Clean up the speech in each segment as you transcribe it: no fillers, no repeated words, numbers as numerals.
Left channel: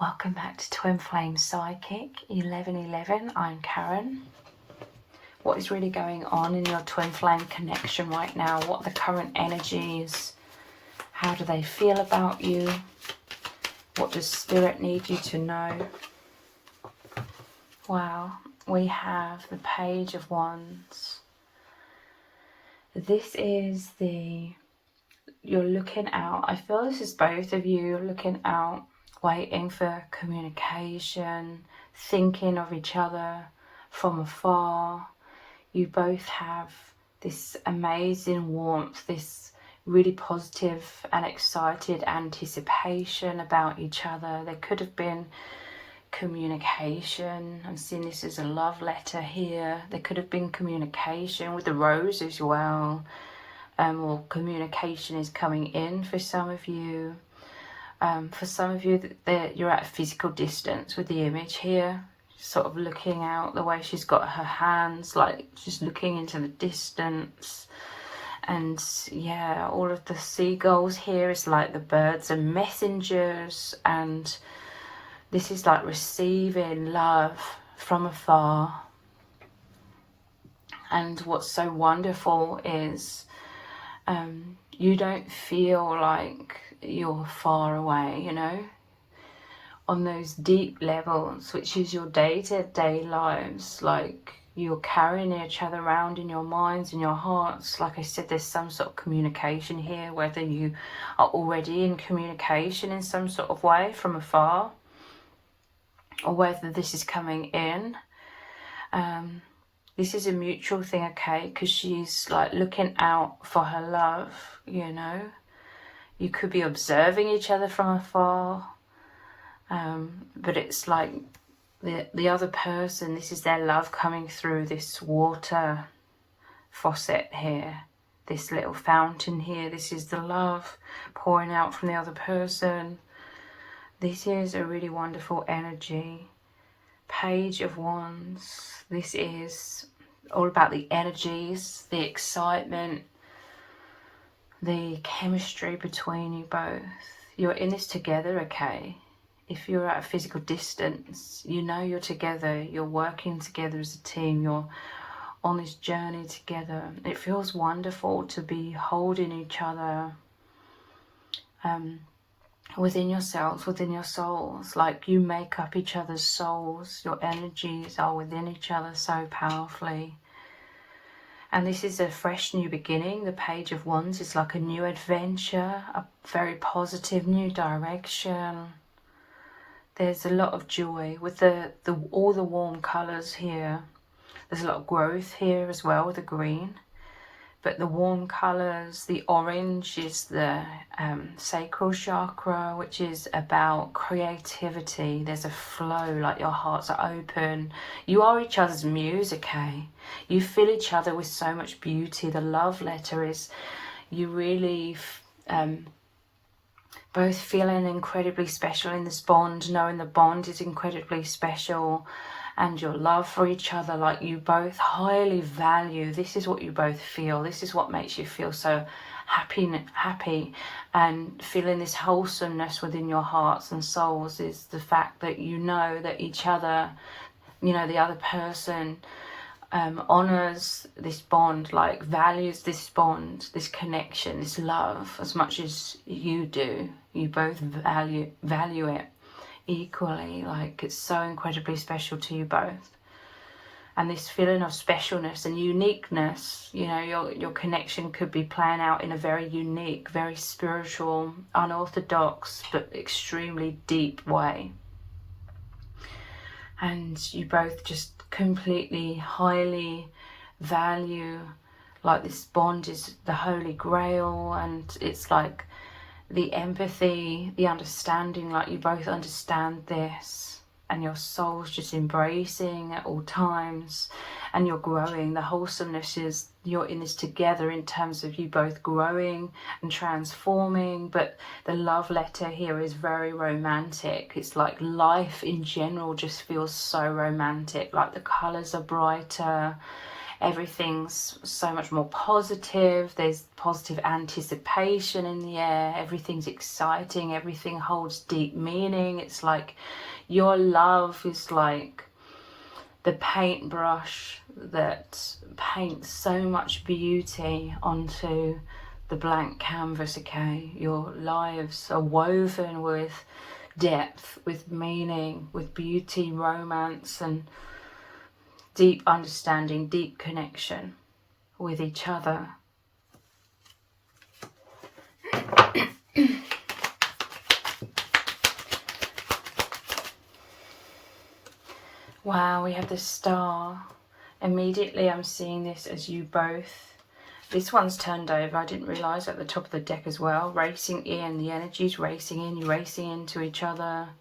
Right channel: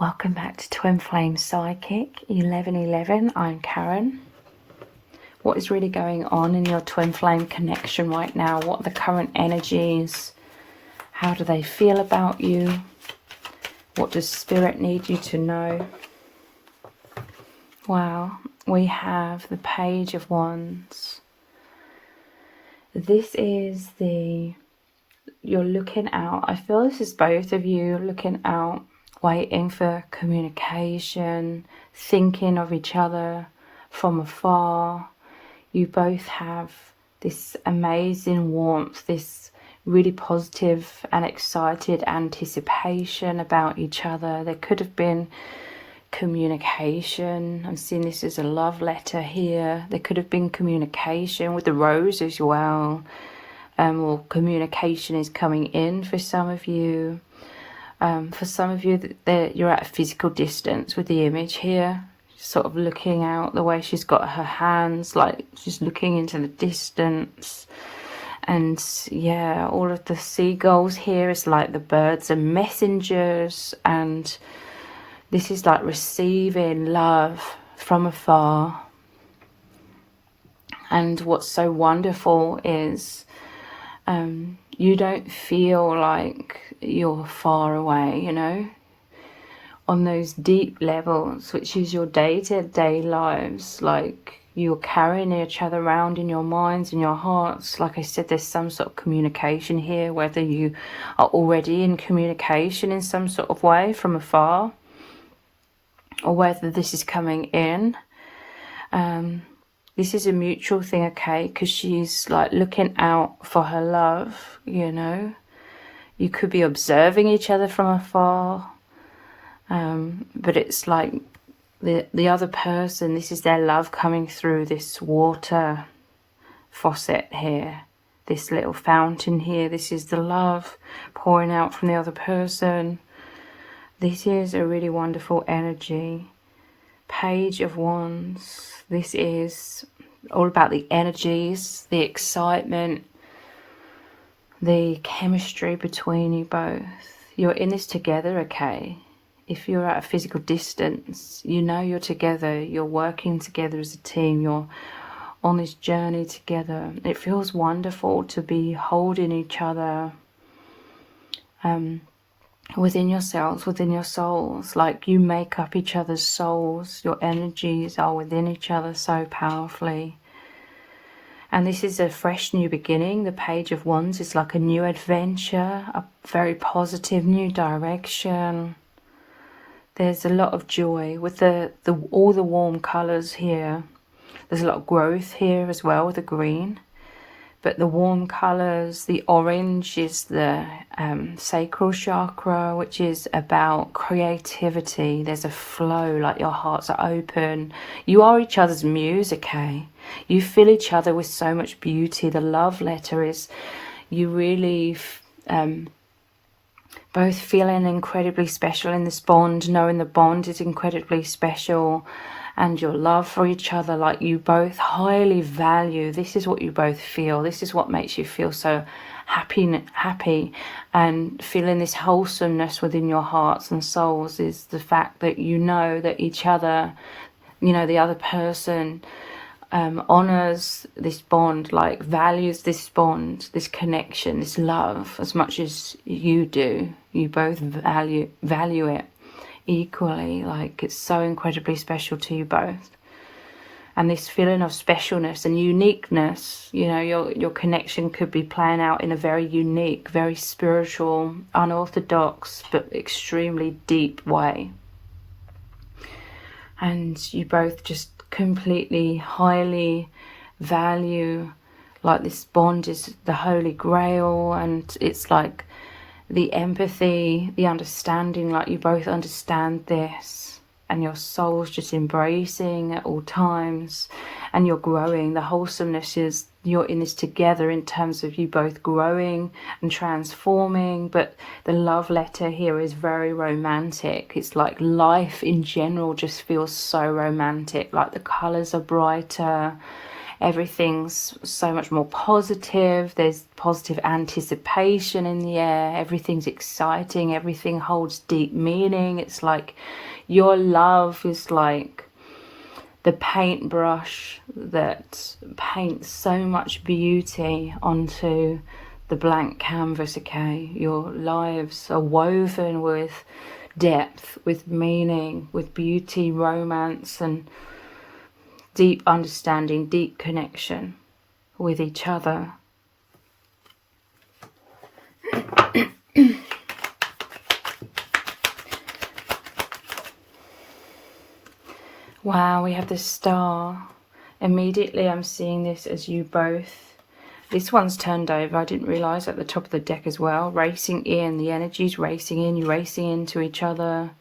Welcome back to Twin Flame Psychic 1111. I'm Karen. What is really going on in your twin flame connection right now? What are the current energies? How do they feel about you? What does Spirit need you to know? Wow, we have the Page of Wands. This is you're looking out. I feel this is both of you looking out, waiting for communication, thinking of each other from afar. You both have this amazing warmth, this really positive and excited anticipation about each other. There could have been communication. I'm seeing this as a love letter here. There could have been communication with the rose as well. Or communication is coming in for some of you. For some of you, you're at a physical distance with the image here, sort of looking out the way she's got her hands, like she's looking into the distance. And yeah, all of the seagulls here is like the birds are messengers, and this is like receiving love from afar. And what's so wonderful is you don't feel like you're far away, you know, on those deep levels, which is your day-to-day lives. Like, you're carrying each other around in your minds and your hearts. Like I said, there's some sort of communication here, whether you are already in communication in some sort of way from afar, or whether this is coming in. This is a mutual thing, okay, because she's like looking out for her love, you know. You could be observing each other from afar, but it's like the other person, this is their love coming through this water faucet here, this little fountain here. This is the love pouring out from the other person. This is a really wonderful energy. Page of Wands. This is all about the energies, the excitement, the chemistry between you both. You're in this together, okay? If you're at a physical distance, you know you're together. You're working together as a team. You're on this journey together. It feels wonderful to be holding each other within yourselves, within your souls. Like, you make up each other's souls. Your energies are within each other so powerfully. And this is a fresh new beginning. The Page of Wands is like a new adventure, a very positive new direction. There's a lot of joy with all the warm colours here. There's a lot of growth here as well with the green. But the warm colours, the orange is the sacral chakra, which is about creativity. There's a flow, like your hearts are open. You are each other's muse, okay? You fill each other with so much beauty. The love letter is you really both feeling incredibly special in this bond, knowing the bond is incredibly special. And your love for each other, like you both highly value. This is what you both feel. This is what makes you feel so happy and feeling this wholesomeness within your hearts and souls, is the fact that you know that each other, you know, the other person honors this bond, like values this bond, this connection, this love as much as you do. You both value it equally. Like, it's so incredibly special to you both. And this feeling of specialness and uniqueness, you know, your connection could be playing out in a very unique, very spiritual, unorthodox but extremely deep way. And you both just completely highly value, like, this bond is the holy grail. And it's like the empathy, the understanding, like you both understand this, and your soul's just embracing at all times, and you're growing. The wholesomeness is you're in this together in terms of you both growing and transforming. But the love letter here is very romantic. It's like life in general just feels so romantic. Like, the colours are brighter, Everything's so much more positive. There's positive anticipation in the air. Everything's exciting. Everything holds deep meaning. It's like your love is like the paintbrush that paints so much beauty onto the blank canvas, okay? Your lives are woven with depth, with meaning, with beauty, romance, and deep understanding, deep connection with each other. Wow, we have the star. Immediately I'm seeing this as you both. This one's turned over. I didn't realise at the top of the deck as well. Racing in. The energy's racing in. You're racing into each other.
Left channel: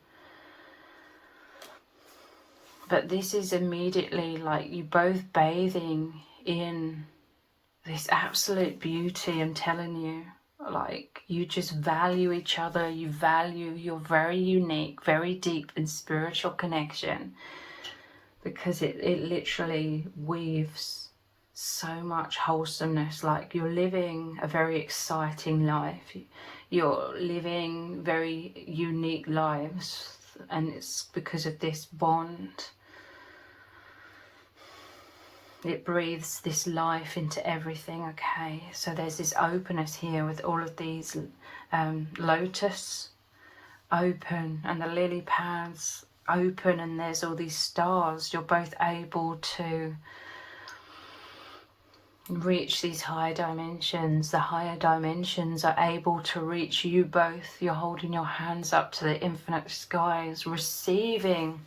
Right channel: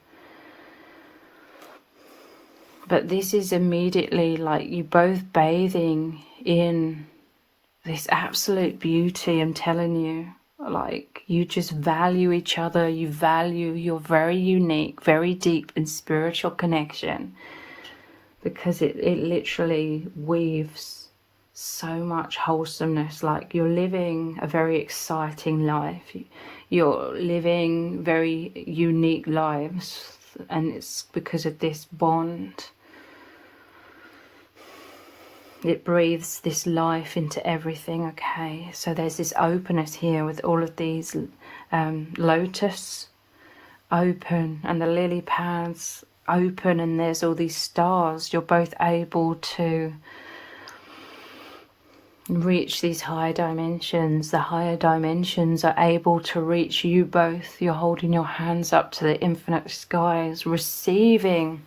But this is immediately like you both bathing in this absolute beauty. I'm telling you. Like you just value each other. You value your very unique, very deep and spiritual connection. Because it literally weaves so much wholesomeness. Like you're living a very exciting life. You're living very unique lives. And it's because of this bond. It breathes this life into everything, okay? So there's this openness here with all of these lotus open and the lily pads open, and there's all these stars. You're both able to reach these higher dimensions. The higher dimensions are able to reach you both. You're holding your hands up to the infinite skies, receiving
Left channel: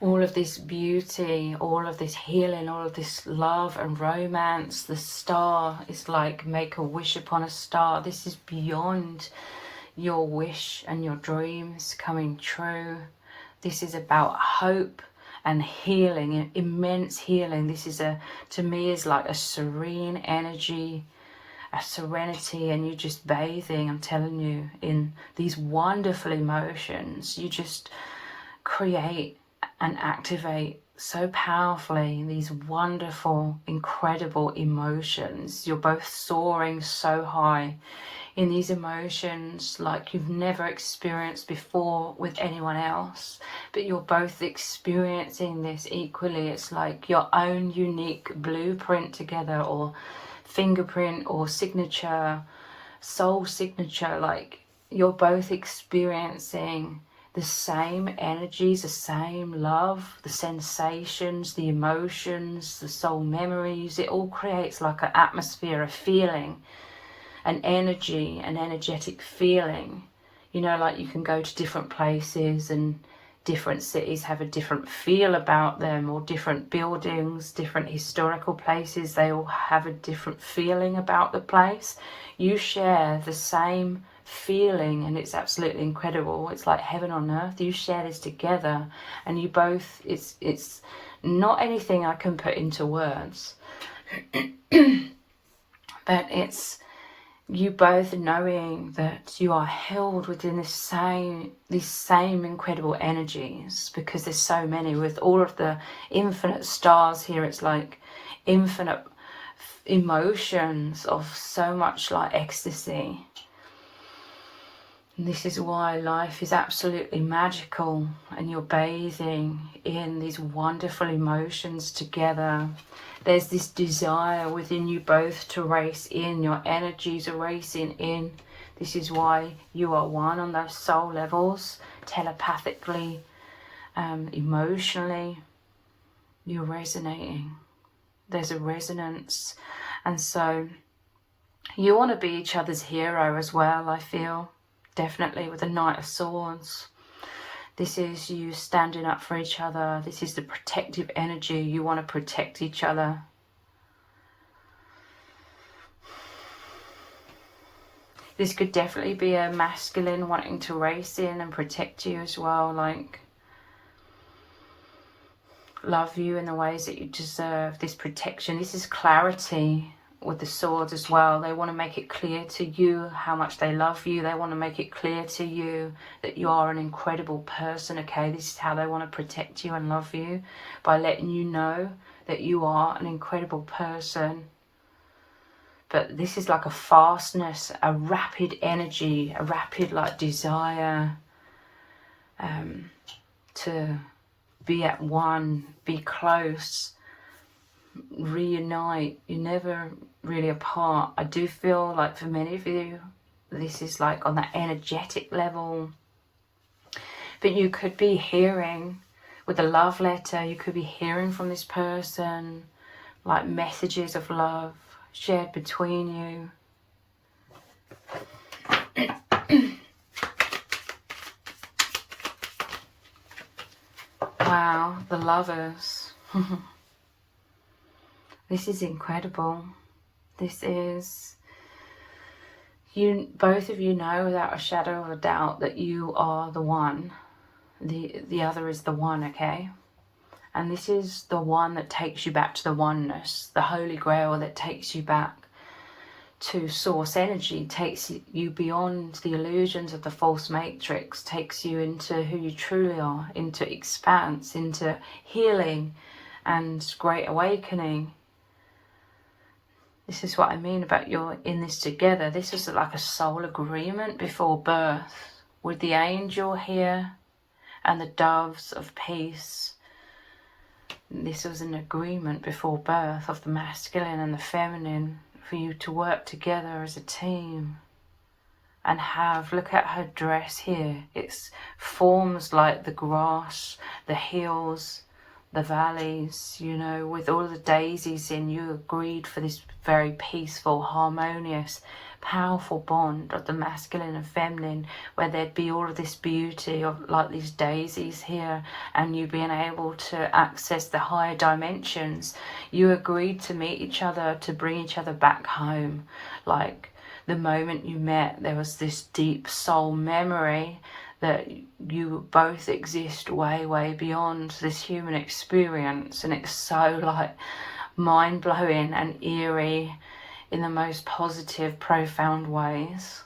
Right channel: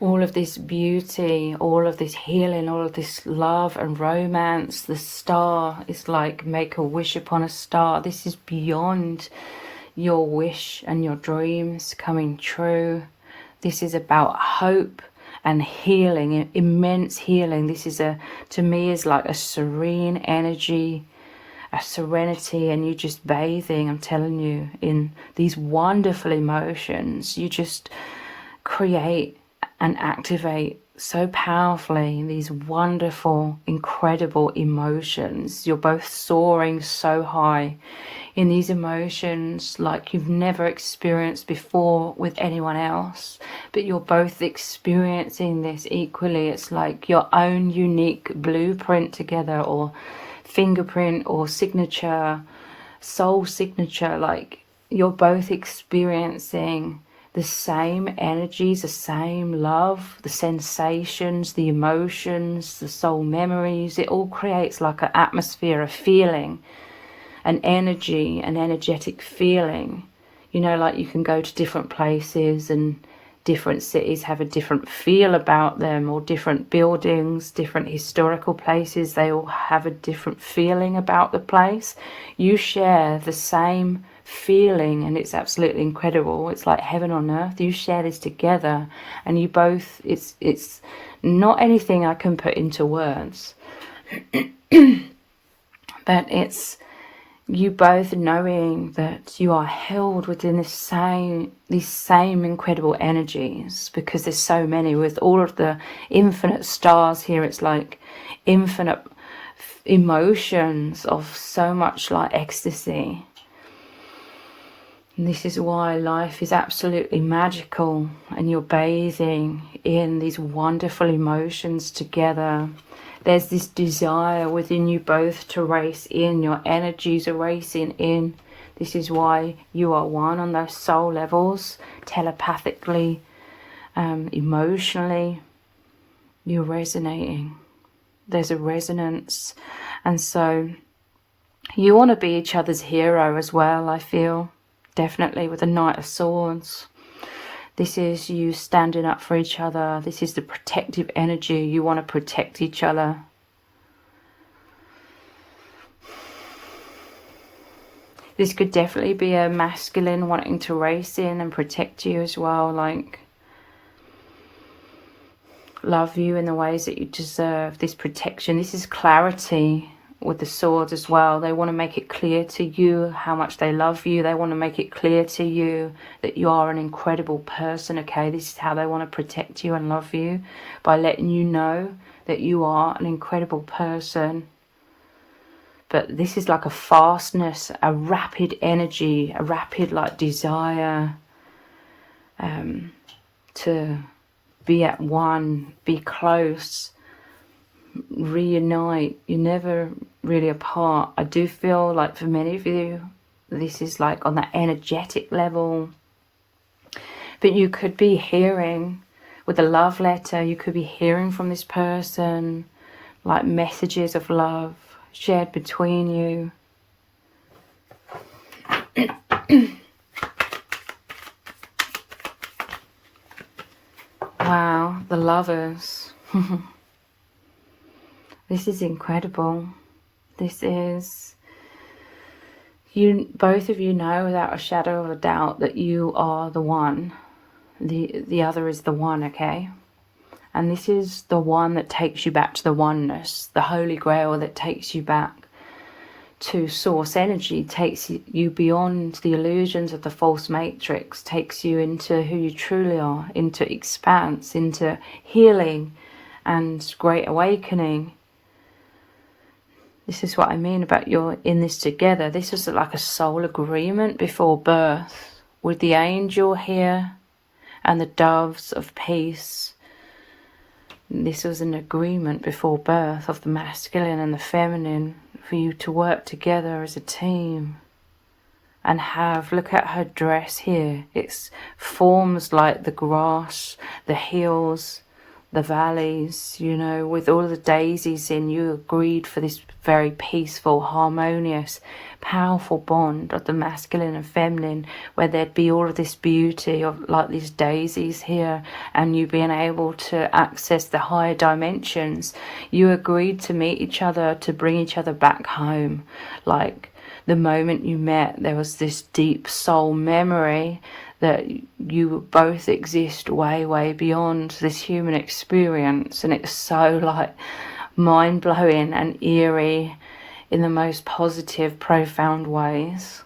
all of this beauty, all of this healing, all of this love and romance. The star is like make a wish upon a star. This is beyond your wish and your dreams coming true. This is about hope and healing, immense healing. This is to me is like a serene energy, a serenity, and you just bathing, I'm telling you, in these wonderful emotions. You just create and activate so powerfully these wonderful, incredible emotions. You're both soaring so high in these emotions like you've never experienced before with anyone else, but you're both experiencing this equally. It's like your own unique blueprint together, or fingerprint, or signature, soul signature. Like you're both experiencing the same energies, the same love, the sensations, the emotions, the soul memories. It all creates like an atmosphere, a feeling, an energy, an energetic feeling. You know, like you can go to different places and different cities have a different feel about them, or different buildings, different historical places, they all have a different feeling about the place. You share the same feeling, and it's absolutely incredible. It's like heaven on earth. You share this together, and you both, it's not anything I can put into words. But it's you both knowing that you are held within these same incredible energies, because there's so many. With all of the infinite stars here, it's like infinite emotions of so much like ecstasy. And this is why life is absolutely magical, and you're bathing in these wonderful emotions together. There's this desire within you both to race in. Your energies are racing in. This is why you are one on those soul levels, telepathically, emotionally. You're resonating. There's a resonance. And so you want to be each other's hero as well, I feel. Definitely with the Knight of Swords. This is you standing up for each other. This is the protective energy. You want to protect each other. This could definitely be a masculine wanting to race in and protect you as well. Like love you in the ways that you deserve. This protection. This is clarity with the swords as well. They want to make it clear to you how much they love you. They want to make it clear to you that you are an incredible person, okay? This is how they want to protect you and love you, by letting you know that you are an incredible person. But this is like a fastness, a rapid energy, a rapid like desire to be at one, be close, reunite. You're never really apart. I do feel like for many of you, this is like on that energetic level. But you could be hearing with a love letter, you could be hearing from this person like messages of love shared between you. Wow, the Lovers. This is incredible. This is, you, both of you know without a shadow of a doubt that you are the one. The other is the one, okay? And this is the one that takes you back to the oneness, the Holy Grail that takes you back to source energy, takes you beyond the illusions of the false matrix, takes you into who you truly are, into expanse, into healing and great awakening. This is what I mean about you're in this together. This is like a soul agreement before birth with the angel here and the doves of peace. This was an agreement before birth of the masculine and the feminine for you to work together as a team and have, look at her dress here. It's forms like the grass, the hills, the valleys, you know, with all the daisies in. You agreed for this very peaceful, harmonious, powerful bond of the masculine and feminine, where there'd be all of this beauty of like these daisies here, and you being able to access the higher dimensions. You agreed to meet each other, to bring each other back home. Like the moment you met, there was this deep soul memory that you both exist way, way beyond this human experience. And it's so like mind-blowing and eerie in the most positive, profound ways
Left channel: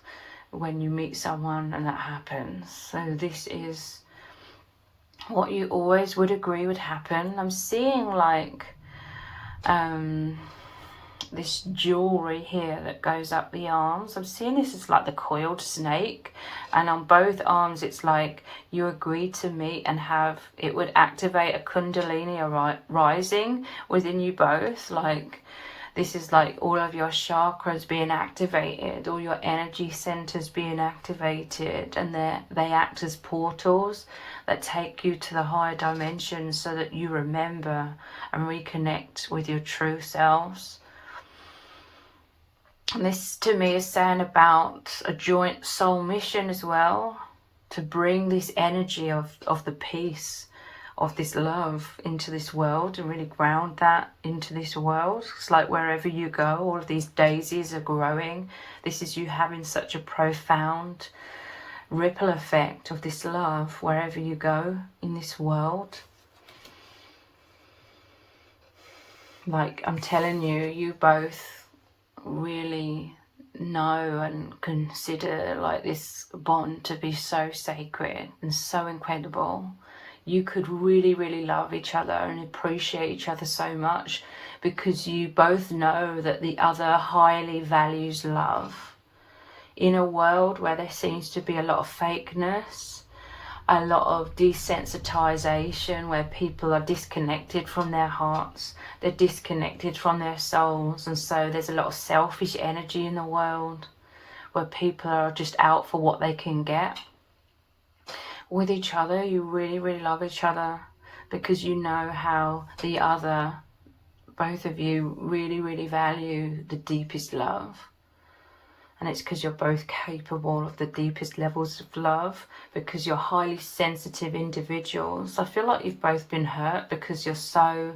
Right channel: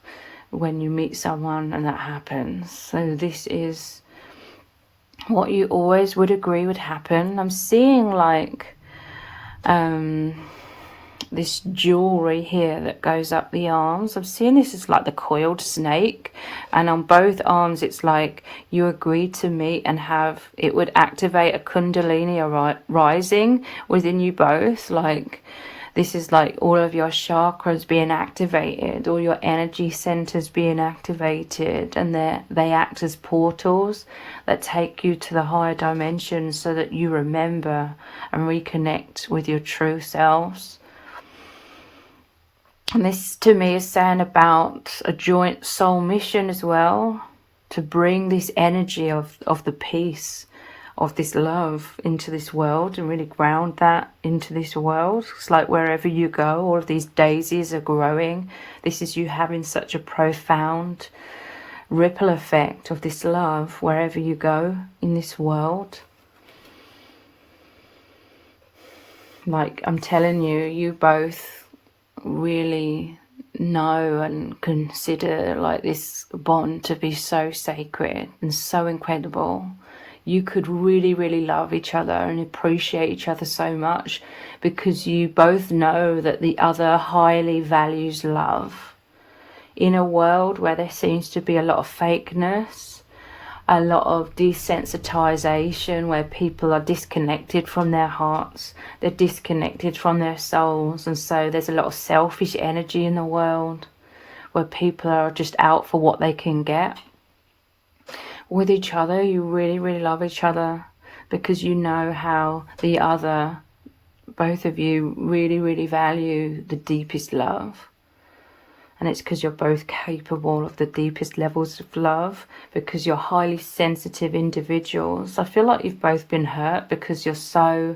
when you meet someone and that happens. So this is what you always would agree would happen. I'm seeing like this jewelry here that goes up the arms. I'm seeing this as like the coiled snake, and on both arms it's like you agreed to meet and have, it would activate a kundalini rising within you both. Like this is like all of your chakras being activated, all your energy centers being activated, and they act as portals that take you to the higher dimensions so that you remember and reconnect with your true selves. And this to me is saying about a joint soul mission as well, to bring this energy of the peace, of this love into this world and really ground that into this world. It's like wherever you go, all of these daisies are growing. This is you having such a profound ripple effect of this love wherever you go in this world. Like I'm telling you, you both really know and consider like this bond to be so sacred and so incredible. You could really, really love each other and appreciate each other so much because you both know that the other highly values love. In a world where there seems to be a lot of fakeness, a lot of desensitization, where people are disconnected from their hearts, they're disconnected from their souls, and so there's a lot of selfish energy in the world where people are just out for what they can get. With each other, you really, really love each other because you know how the other, both of you, really, really value the deepest love. And it's because you're both capable of the deepest levels of love, because you're highly sensitive individuals. I feel like you've both been hurt because you're so,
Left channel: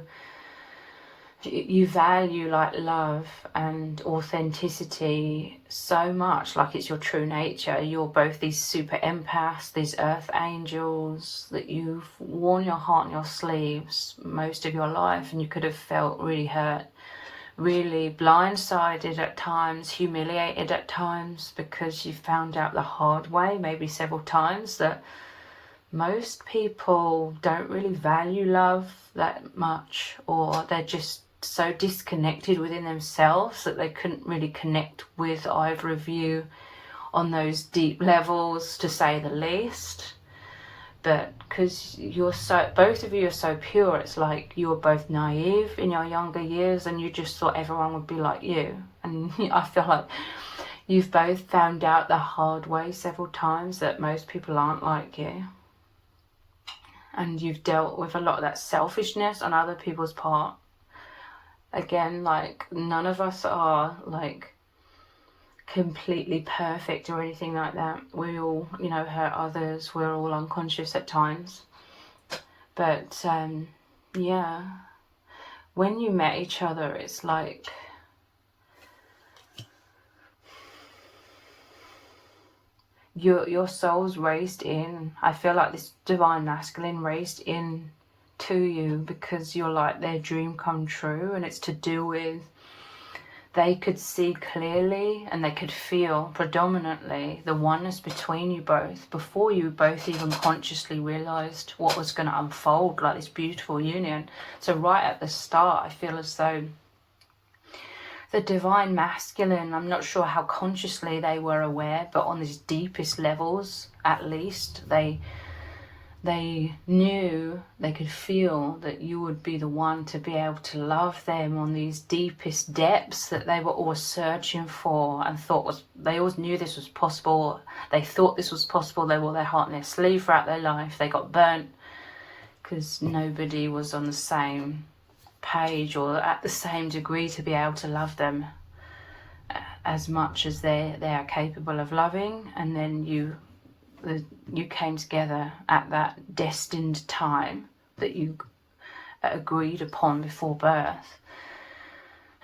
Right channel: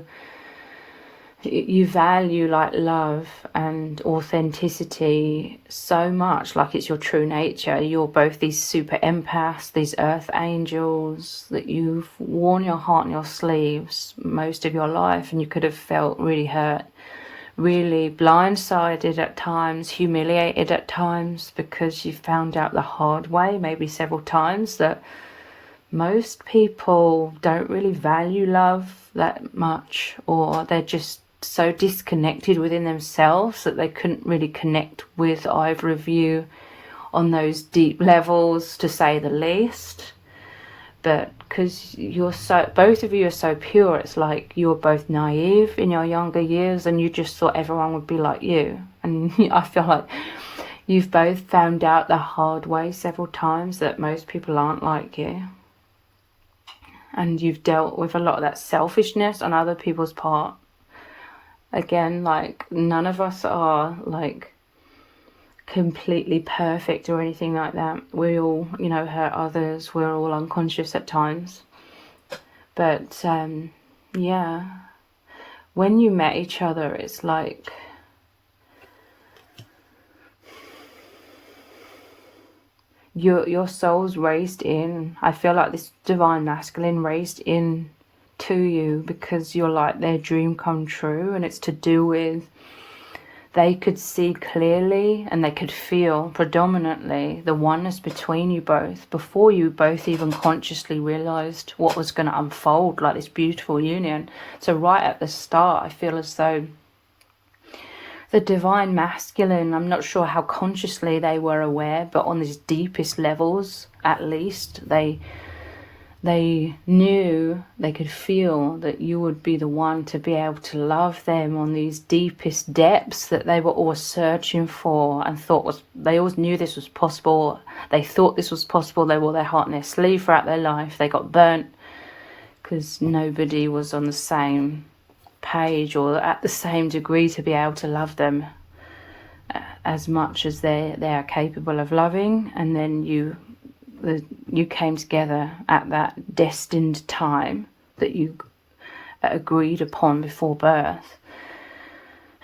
you value like love and authenticity so much, like it's your true nature. You're both these super empaths, these earth angels that you've worn your heart on your sleeves most of your life, and you could have felt really hurt really blindsided at times, humiliated at times, because you found out the hard way, maybe several times, that most people don't really value love that much, or they're just so disconnected within themselves that they couldn't really connect with either of you on those deep levels, to say the least. But because both of you are so pure, it's like you were both naive in your younger years and you just thought everyone would be like you. And I feel like you've both found out the hard way several times that most people aren't like you. And you've dealt with a lot of that selfishness on other people's part. Again, like, none of us are like completely perfect or anything like that. We all, hurt others. We're all unconscious at times. But yeah, when you met each other, it's like your soul's raised in. I feel like this divine masculine raised in to you because you're like their dream come true, and it's to do with they could see clearly and they could feel predominantly the oneness between you both before you both even consciously realized what was going to unfold, like this beautiful union. So right at the start, I feel as though the divine masculine, I'm not sure how consciously they were aware, but on these deepest levels at least, they knew, they could feel that you would be the one to be able to love them on these deepest depths that they were always searching for, and they always knew this was possible. They thought this was possible. They wore their heart on their sleeve throughout their life. They got burnt because nobody was on the same page or at the same degree to be able to love them as much as they are capable of loving. And then you came together at that destined time that you agreed upon before birth.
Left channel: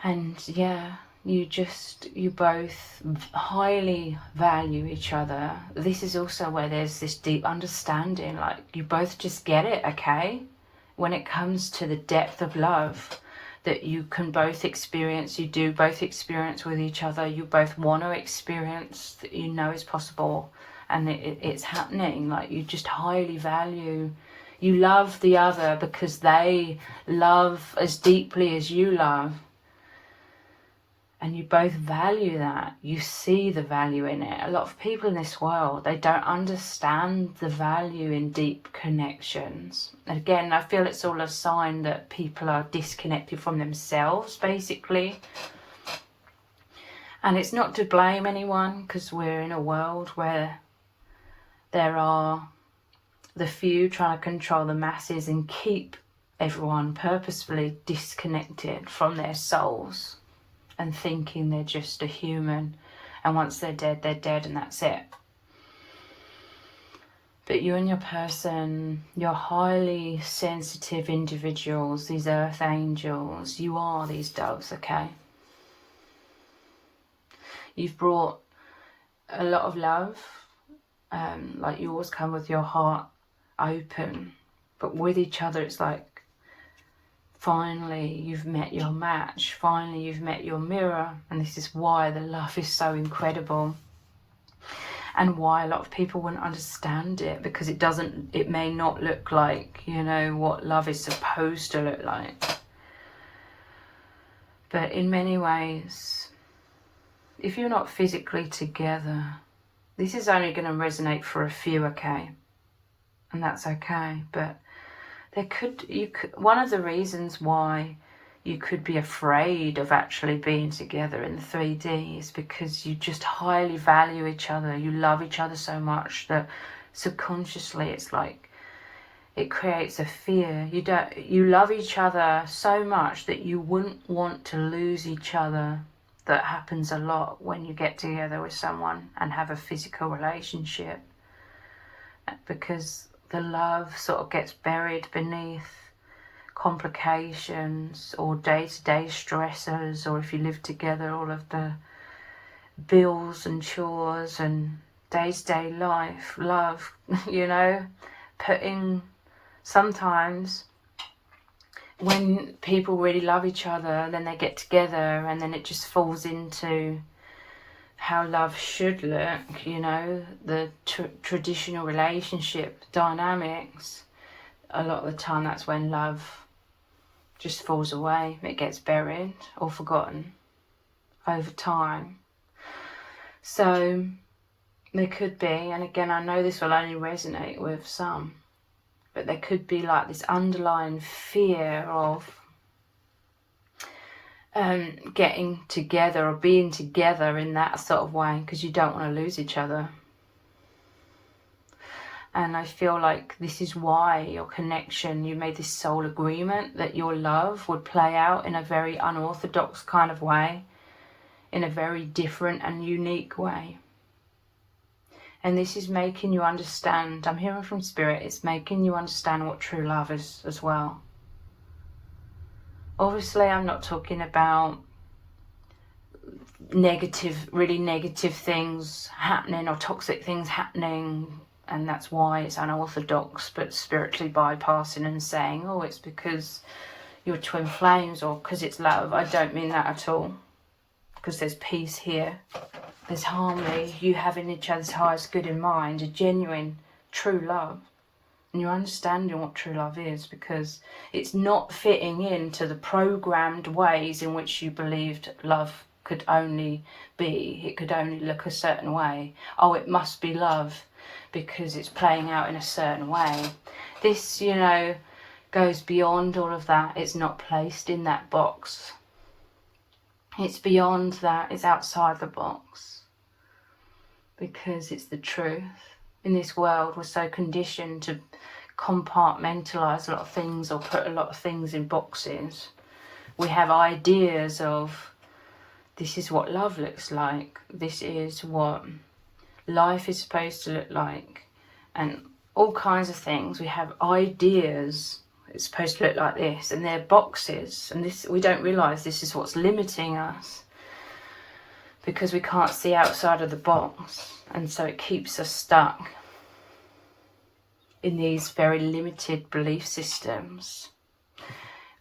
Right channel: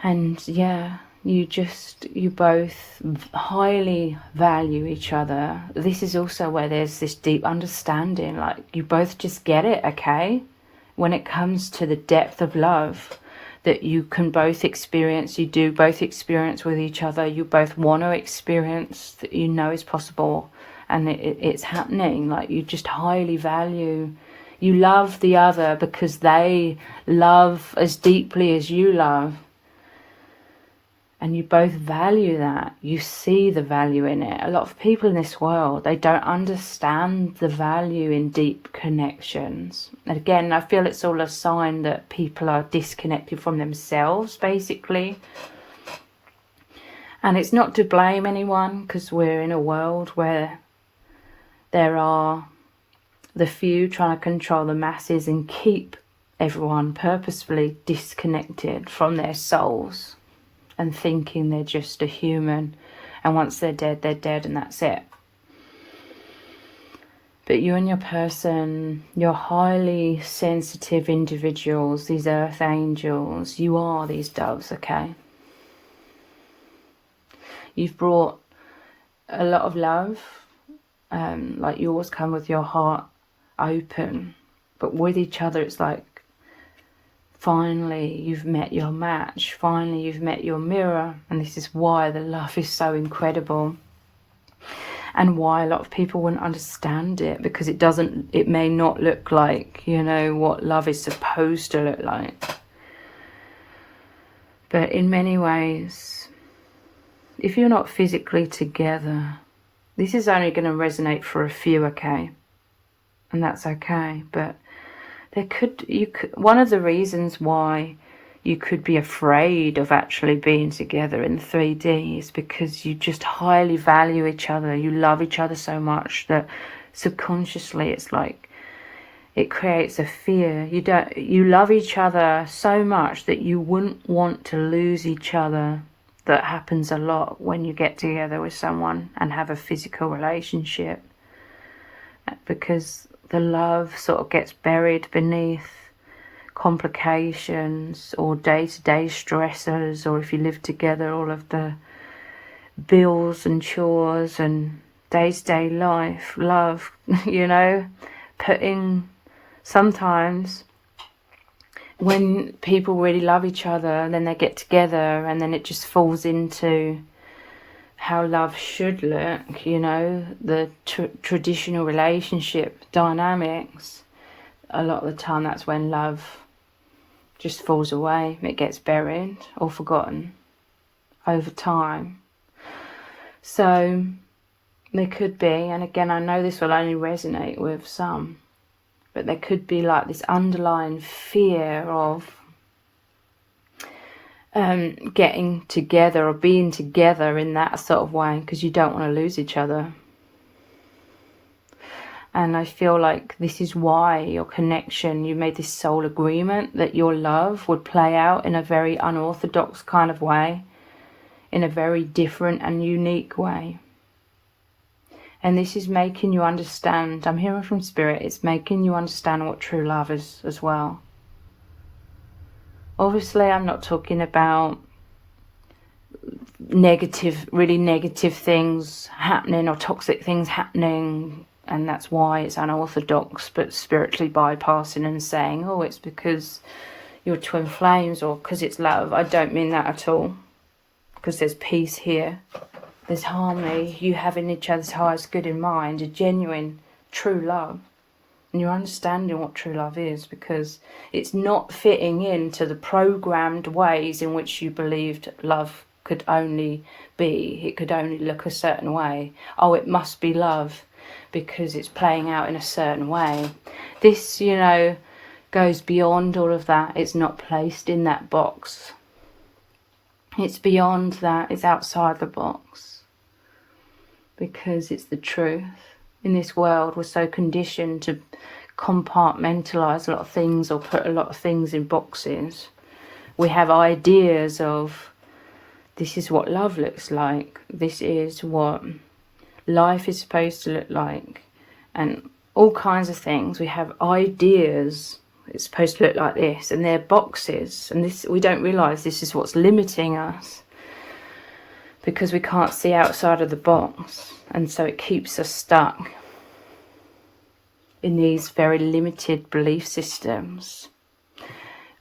And yeah, you both highly value each other. This is also where there's this deep understanding, like you both just get it, okay? When it comes to the depth of love that you can both experience, you do both experience with each other, you both want to experience, that you know is possible. And it's happening. Like, you just highly value, you love the other because they love as deeply as you love, and you both value that. You see the value in it. A lot of people in this world, they don't understand the value in deep connections. And again, I feel it's all a sign that people are disconnected from themselves, basically. And it's not to blame anyone, because we're in a world where there are the few trying to control the masses and keep everyone purposefully disconnected from their souls and thinking they're just a human, and once they're dead and that's it. But you and your person, you're highly sensitive individuals, these earth angels. You are these doves, okay? You've brought a lot of love. Like, you always come with your heart open, but with each other it's like finally you've met your match, finally you've met your mirror. And this is why the love is so incredible, and why a lot of people wouldn't understand it, because it may not look like, what love is supposed to look like. But in many ways, if you're not physically together, this is only going to resonate for a few, okay? And that's okay. But one of the reasons why you could be afraid of actually being together in 3D is because you just highly value each other. You love each other so much that subconsciously it's like it creates a fear. You love each other so much that you wouldn't want to lose each other. That happens a lot when you get together with someone and have a physical relationship, because the love sort of gets buried beneath complications or day-to-day stressors, or if you live together, all of the bills and chores and day-to-day life. Love, sometimes when people really love each other and then they get together and then it just falls into how love should look, you know, the traditional relationship dynamics, a lot of the time that's when love just falls away. It gets buried or forgotten over time. So there could be, and again, I know this will only resonate with some, but there could be like this underlying fear of getting together or being together in that sort of way, because you don't want to lose each other. And I feel like this is why your connection, you made this soul agreement that your love would play out in a very unorthodox kind of way, in a very different and unique way. And this is making you understand, I'm hearing from Spirit, it's making you understand what true love is as well. Obviously, I'm not talking about really negative things happening or toxic things happening, and that's why it's unorthodox, but spiritually bypassing and saying, oh, it's because you're twin flames or because it's love. I don't mean that at all, because there's peace here. There's harmony, you having each other's highest good in mind, a genuine, true love. And you're understanding what true love is, because it's not fitting into the programmed ways in which you believed love could only be. It could only look a certain way. Oh, it must be love because it's playing out in a certain way. This, you know, goes beyond all of that. It's not placed in that box. It's beyond that. It's outside the box, because it's the truth. In this world, we're so conditioned to compartmentalize a lot of things or put a lot of things in boxes. We have ideas of, this is what love looks like, this is what life is supposed to look like, and all kinds of things. We have ideas, it's supposed to look like this, and they're boxes, and this, we don't realize this is what's limiting us, because we can't see outside of the box, and so it keeps us stuck in these very limited belief systems.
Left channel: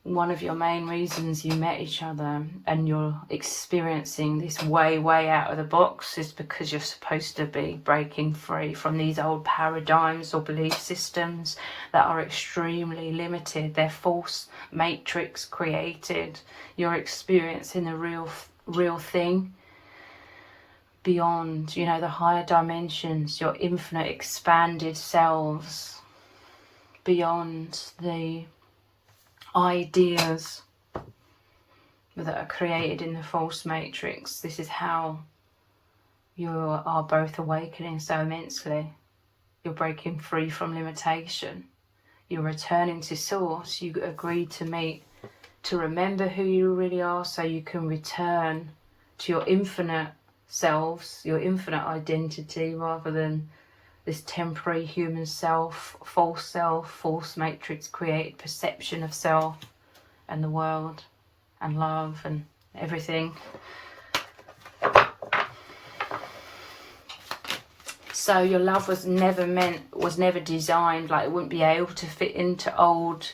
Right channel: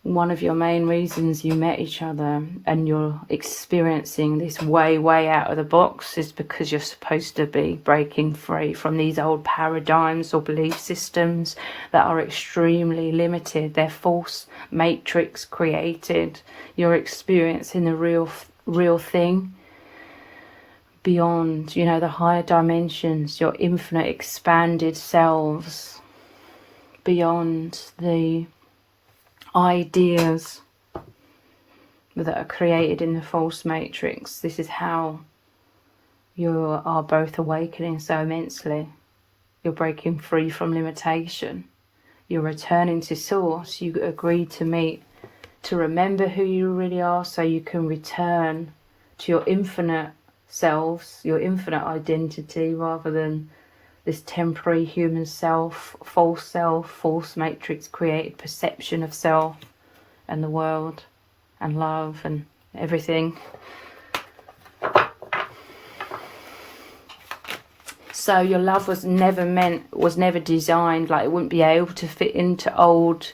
One of your main reasons you met each other and you're experiencing this way out of the box is because you're supposed to be breaking free from these old paradigms or belief systems that are extremely limited. They're false matrix created. You're experiencing the real thing beyond, you know, the higher dimensions, your infinite expanded selves, beyond the ideas that are created in the false matrix. This is how you are both awakening so immensely. You're breaking free from limitation. You're returning to source. You agreed to meet to remember who you really are, so you can return to your infinite selves, your infinite identity, rather than this temporary human self, false matrix created perception of self and the world and love and everything. So your love was never designed, like it wouldn't be able to fit into old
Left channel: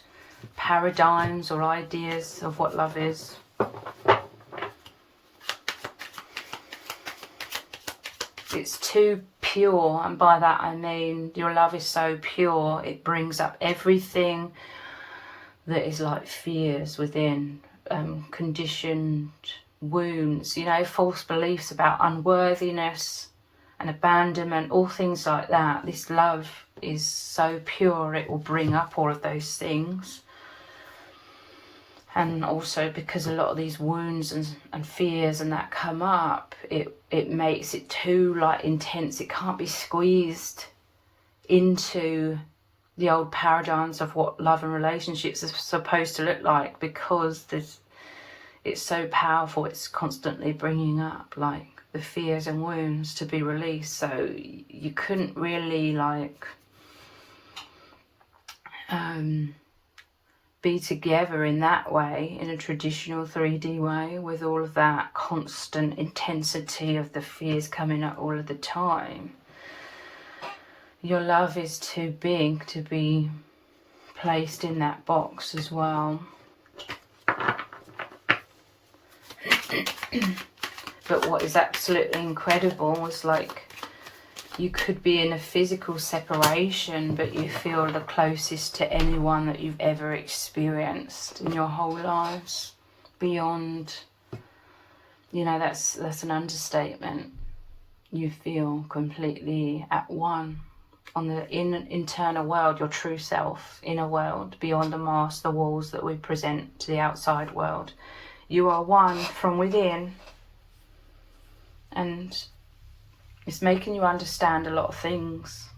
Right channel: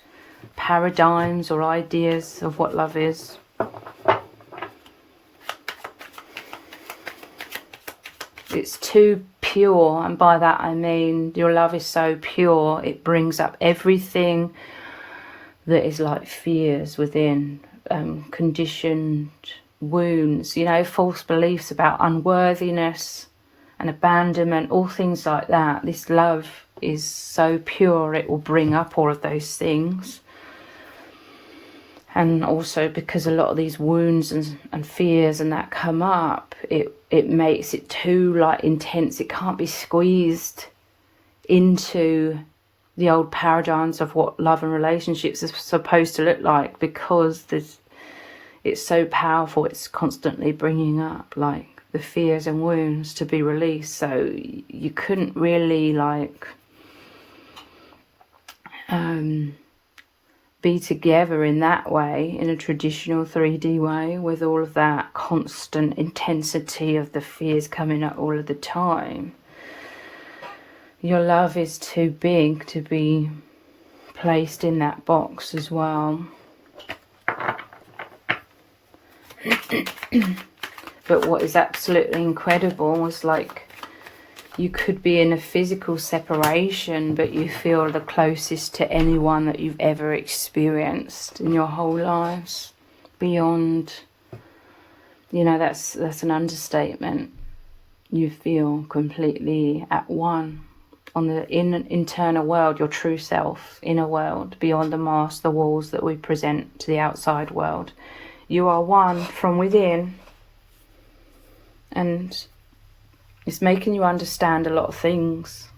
paradigms or ideas of what love is. It's too pure, and by that I mean your love is so pure, it brings up everything that is like fears within, conditioned wounds, you know, false beliefs about unworthiness and abandonment, all things like that. This love is so pure, it will bring up all of those things. And also because a lot of these wounds and fears and that come up, it makes it too like intense. It can't be squeezed into the old paradigms of what love and relationships are supposed to look like, because it's so powerful. It's constantly bringing up like the fears and wounds to be released. So you couldn't really like be together in that way, in a traditional 3D way, with all of that constant intensity of the fears coming up all of the time. Your love is too big to be placed in that box as well. But what is absolutely incredible is like you could be in a physical separation, but you feel the closest to anyone that you've ever experienced in your whole lives. Beyond, you know, that's an understatement. You feel completely at one on the internal world, your true self, inner world, beyond the mask, the walls that we present to the outside world. You are one from within, and it's making you understand a lot of things,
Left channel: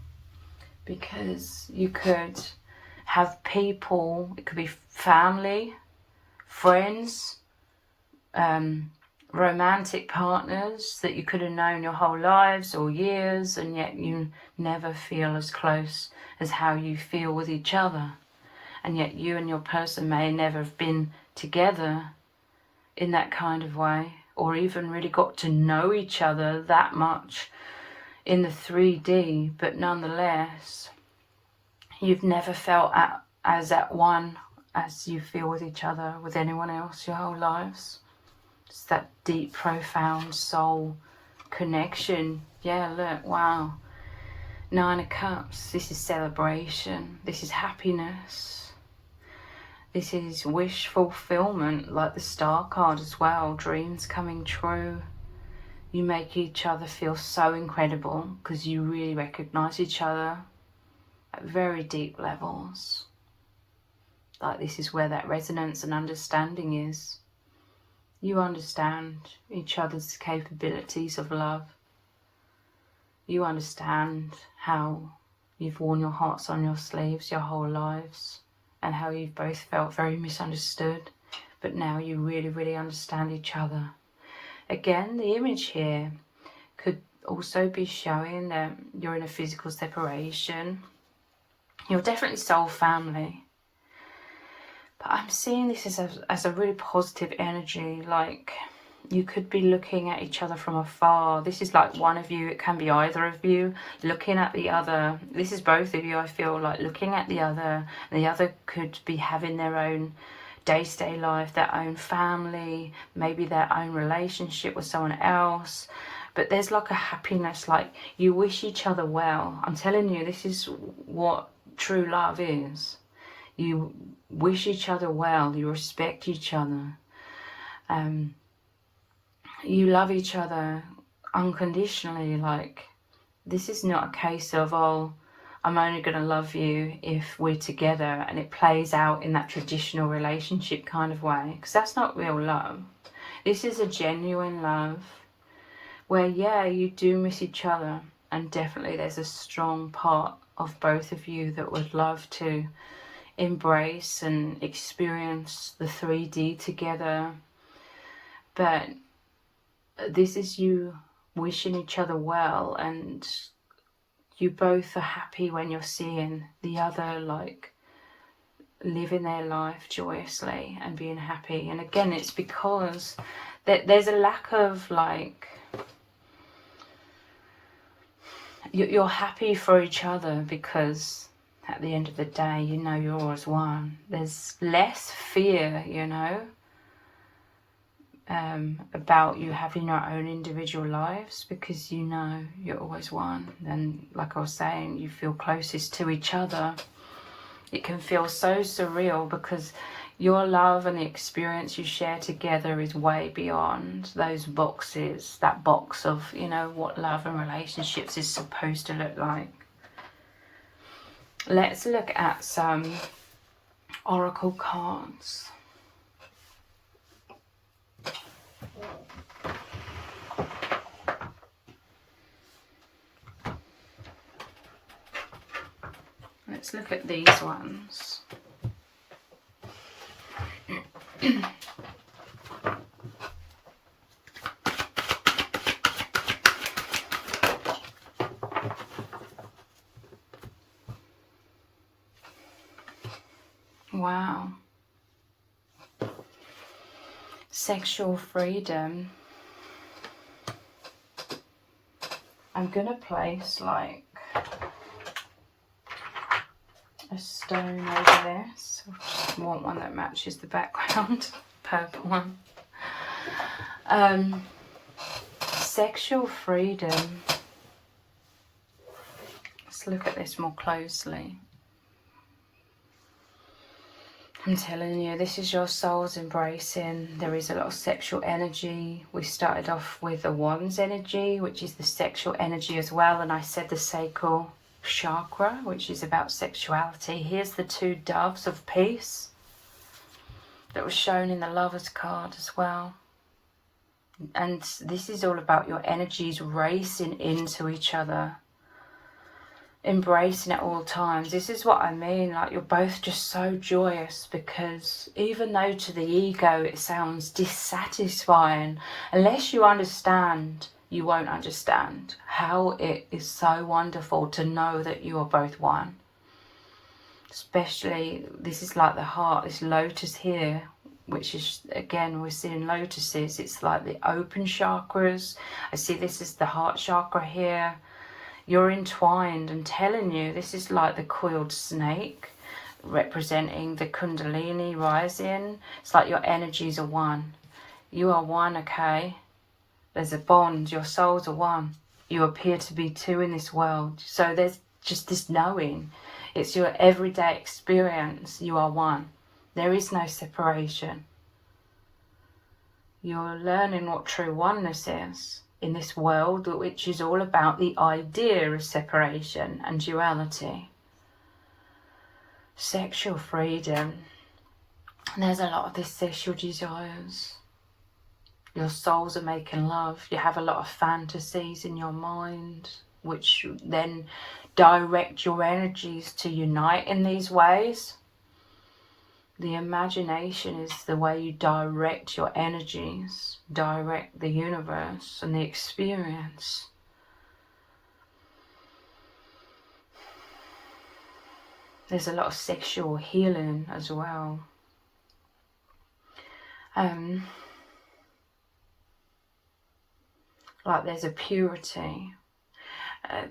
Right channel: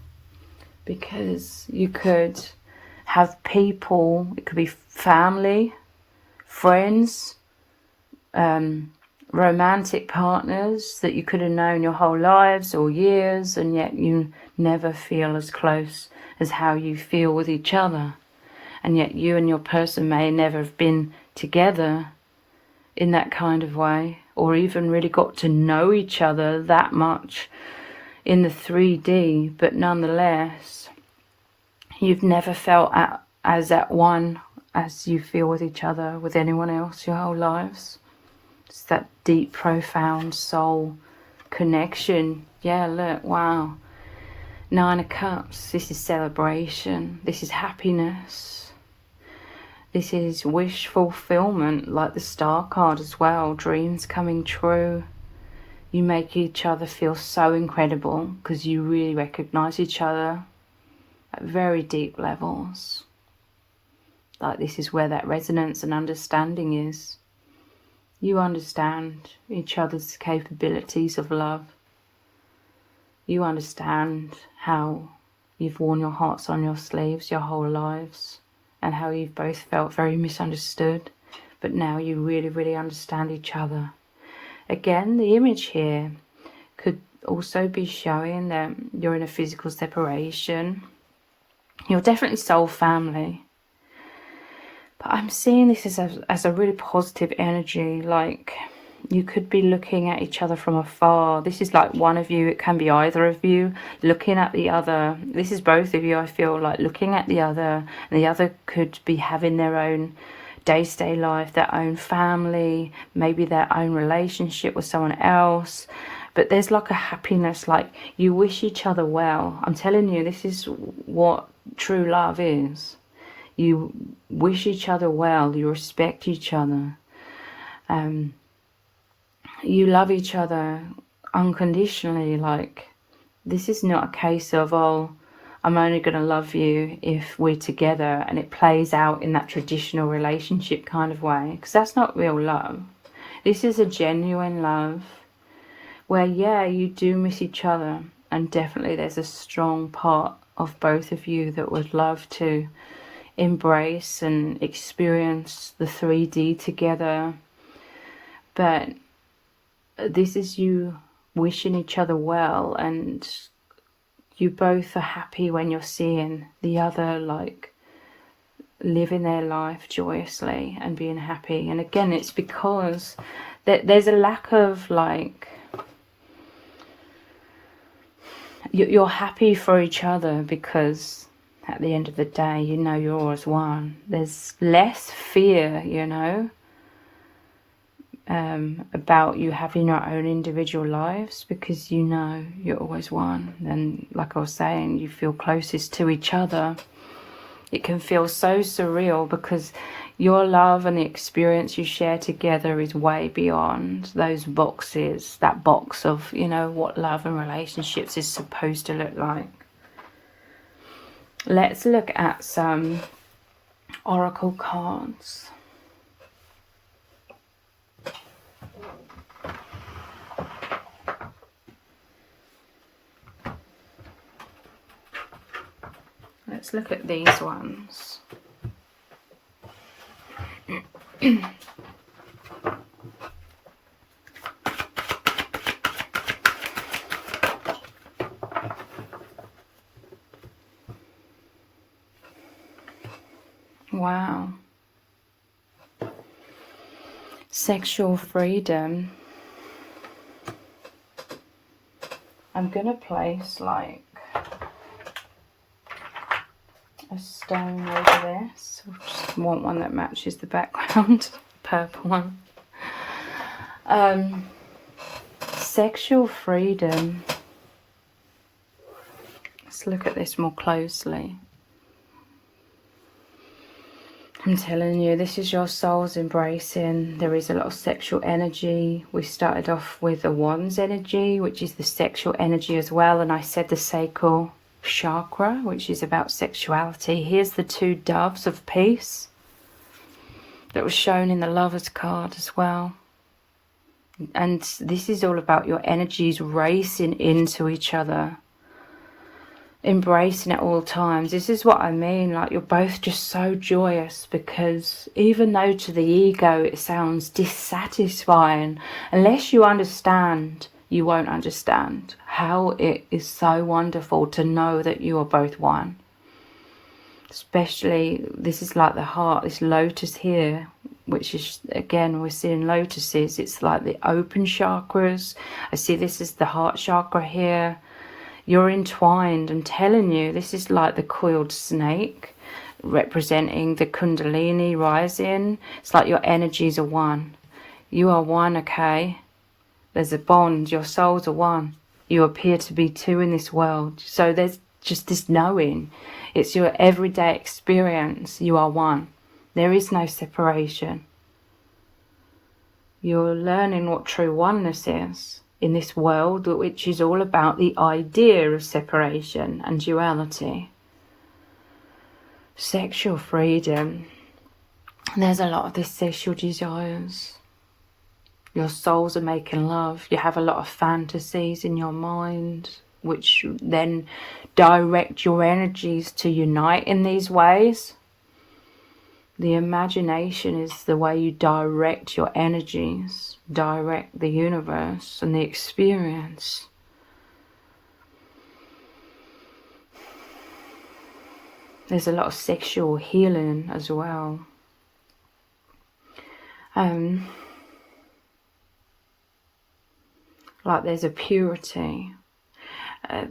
because you could have people, it could be family, friends, romantic partners that you could have known your whole lives or years, and yet you never feel as close as how you feel with each other. And yet you and your person may never have been together in that kind of way, or even really got to know each other that much in the 3D, but nonetheless you've never felt as at one as you feel with each other, with anyone else, your whole lives. It's that deep, profound soul connection. Yeah, look, wow. 9 of Cups, this is celebration, this is happiness, this is wish fulfillment, like the Star card as well, dreams coming true. You make each other feel so incredible because you really recognize each other at very deep levels. Like this is where that resonance and understanding is. You understand each other's capabilities of love. You understand how you've worn your hearts on your sleeves your whole lives, and how you've both felt very misunderstood, but now you really, really understand each other. Again, the image here could also be showing that you're in a physical separation. You're definitely soul family. But I'm seeing this as a really positive energy. Like you could be looking at each other from afar. This is like one of you. It can be either of you looking at the other. This is both of you, I feel like, looking at the other. And the other could be having their own day-to-day life, their own family, maybe their own relationship with someone else, but there's like a happiness, like you wish each other well. I'm telling you, this is what true love is. You wish each other well, you respect each other, you love each other unconditionally. Like this is not a case of, oh, I'm only going to love you if we're together, and it plays out in that traditional relationship kind of way, because that's not real love. This is a genuine love where, yeah, you do miss each other, and definitely there's a strong part of both of you that would love to embrace and experience the 3D together. But this is you wishing each other well, and you both are happy when you're seeing the other like living their life joyously and being happy. And again, it's because there's a lack of like, you're happy for each other because at the end of the day, you know you're always one. There's less fear, you know, about you having your own individual lives, because you know you're always one. And like I was saying, you feel closest to each other. It can feel so surreal because your love and the experience you share together is way beyond those boxes, that box of, you know, what love and relationships is supposed to look like. Let's look at some oracle cards. Let's look at these ones. Wow. Sexual freedom. I'm going to place like a stone over this. I just want one that matches the background, purple one. Sexual freedom. Let's look at this more closely. I'm telling you, this is your soul's embracing. There is a lot of sexual energy. We started off with the Wands energy, which is the sexual energy as well. And I said the sacral chakra, which is about sexuality. Here's the two doves of peace that was shown in the Lovers card as well. And this is all about your energies racing into each other, embracing at all times. This is what I mean, like you're both just so joyous, because even though to the ego it sounds dissatisfying, unless you understand, you won't understand how it is so wonderful to know that you are both one. Especially, this is like the heart, this lotus here, which is, again, we're seeing lotuses. It's like the open chakras. I see this is the heart chakra here. You're entwined, and telling you, this is like the coiled snake representing the Kundalini rising. It's like your energies are one. You are one, okay? There's a bond. Your souls are one. You appear to be two in this world. So there's just this knowing. It's your everyday experience. You are one. There is no separation. You're learning what true oneness is in this world, which is all about the idea of separation and duality. Sexual freedom. There's a lot of this sexual desires. Your souls are making love. You have a lot of fantasies in your mind, which then direct your energies to unite in these ways. The imagination is the way you direct your energies, direct the universe and the experience. There's a lot of sexual healing as well. Like there's a purity.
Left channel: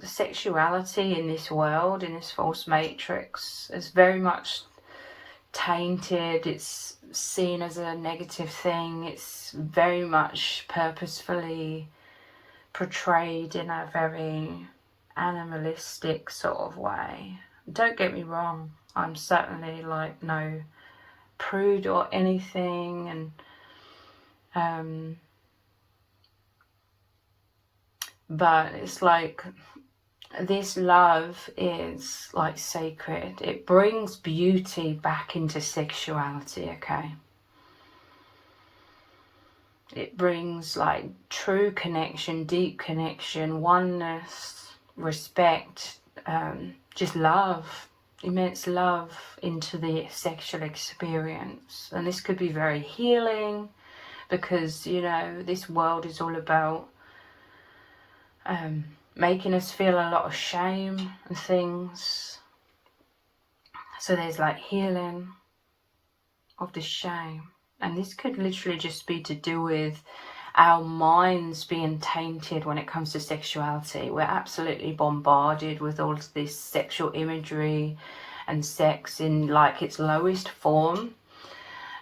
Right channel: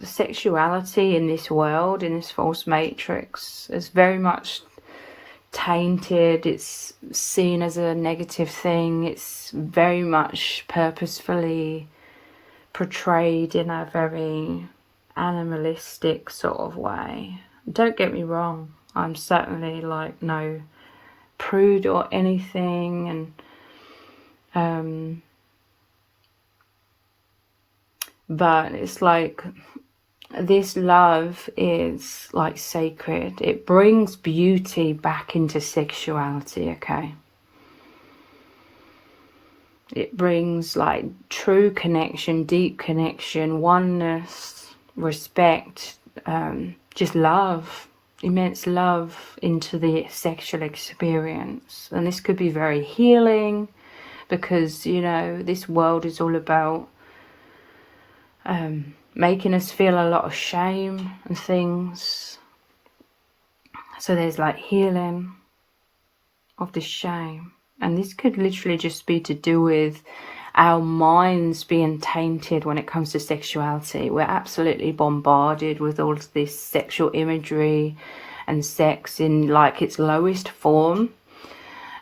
The sexuality in this world, in this false matrix, is very much tainted. It's seen as a negative thing. It's very much purposefully portrayed in a very animalistic sort of way. Don't get me wrong, I'm certainly like no prude or anything, and but it's like this love is like sacred. It brings beauty back into sexuality, okay? It brings like true connection, deep connection, oneness, respect, just love, immense love into the sexual experience. And this could be very healing, because, you know, this world is all about making us feel a lot of shame and things. So there's like healing of the shame. And this could literally just be to do with our minds being tainted when it comes to sexuality. We're absolutely bombarded with all of this sexual imagery and sex in like its lowest form.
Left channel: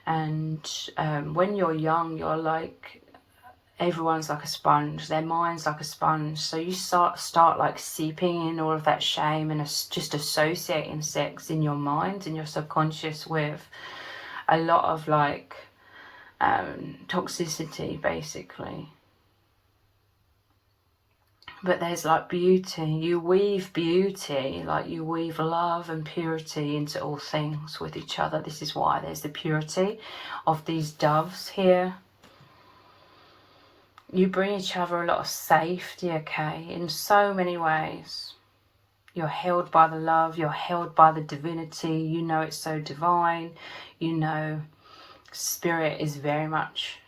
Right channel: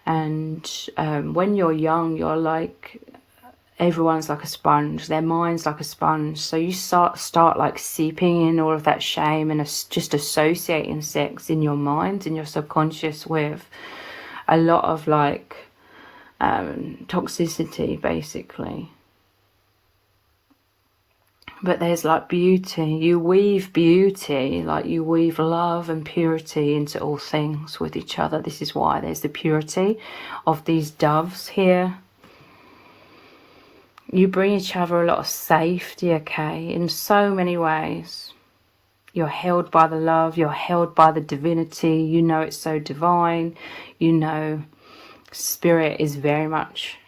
And when you're young, you're like, everyone's like a sponge, their mind's like a sponge, so you start like seeping in all of that shame and just associating sex in your mind and your subconscious with a lot of like toxicity, basically. But there's like beauty. You weave beauty, like you weave love and purity into all things with each other. This is why there's the purity of these doves here. You bring each other a lot of safety, okay, in so many ways. You're held by the love, you're held by the divinity, you know it's so divine, you know spirit is very much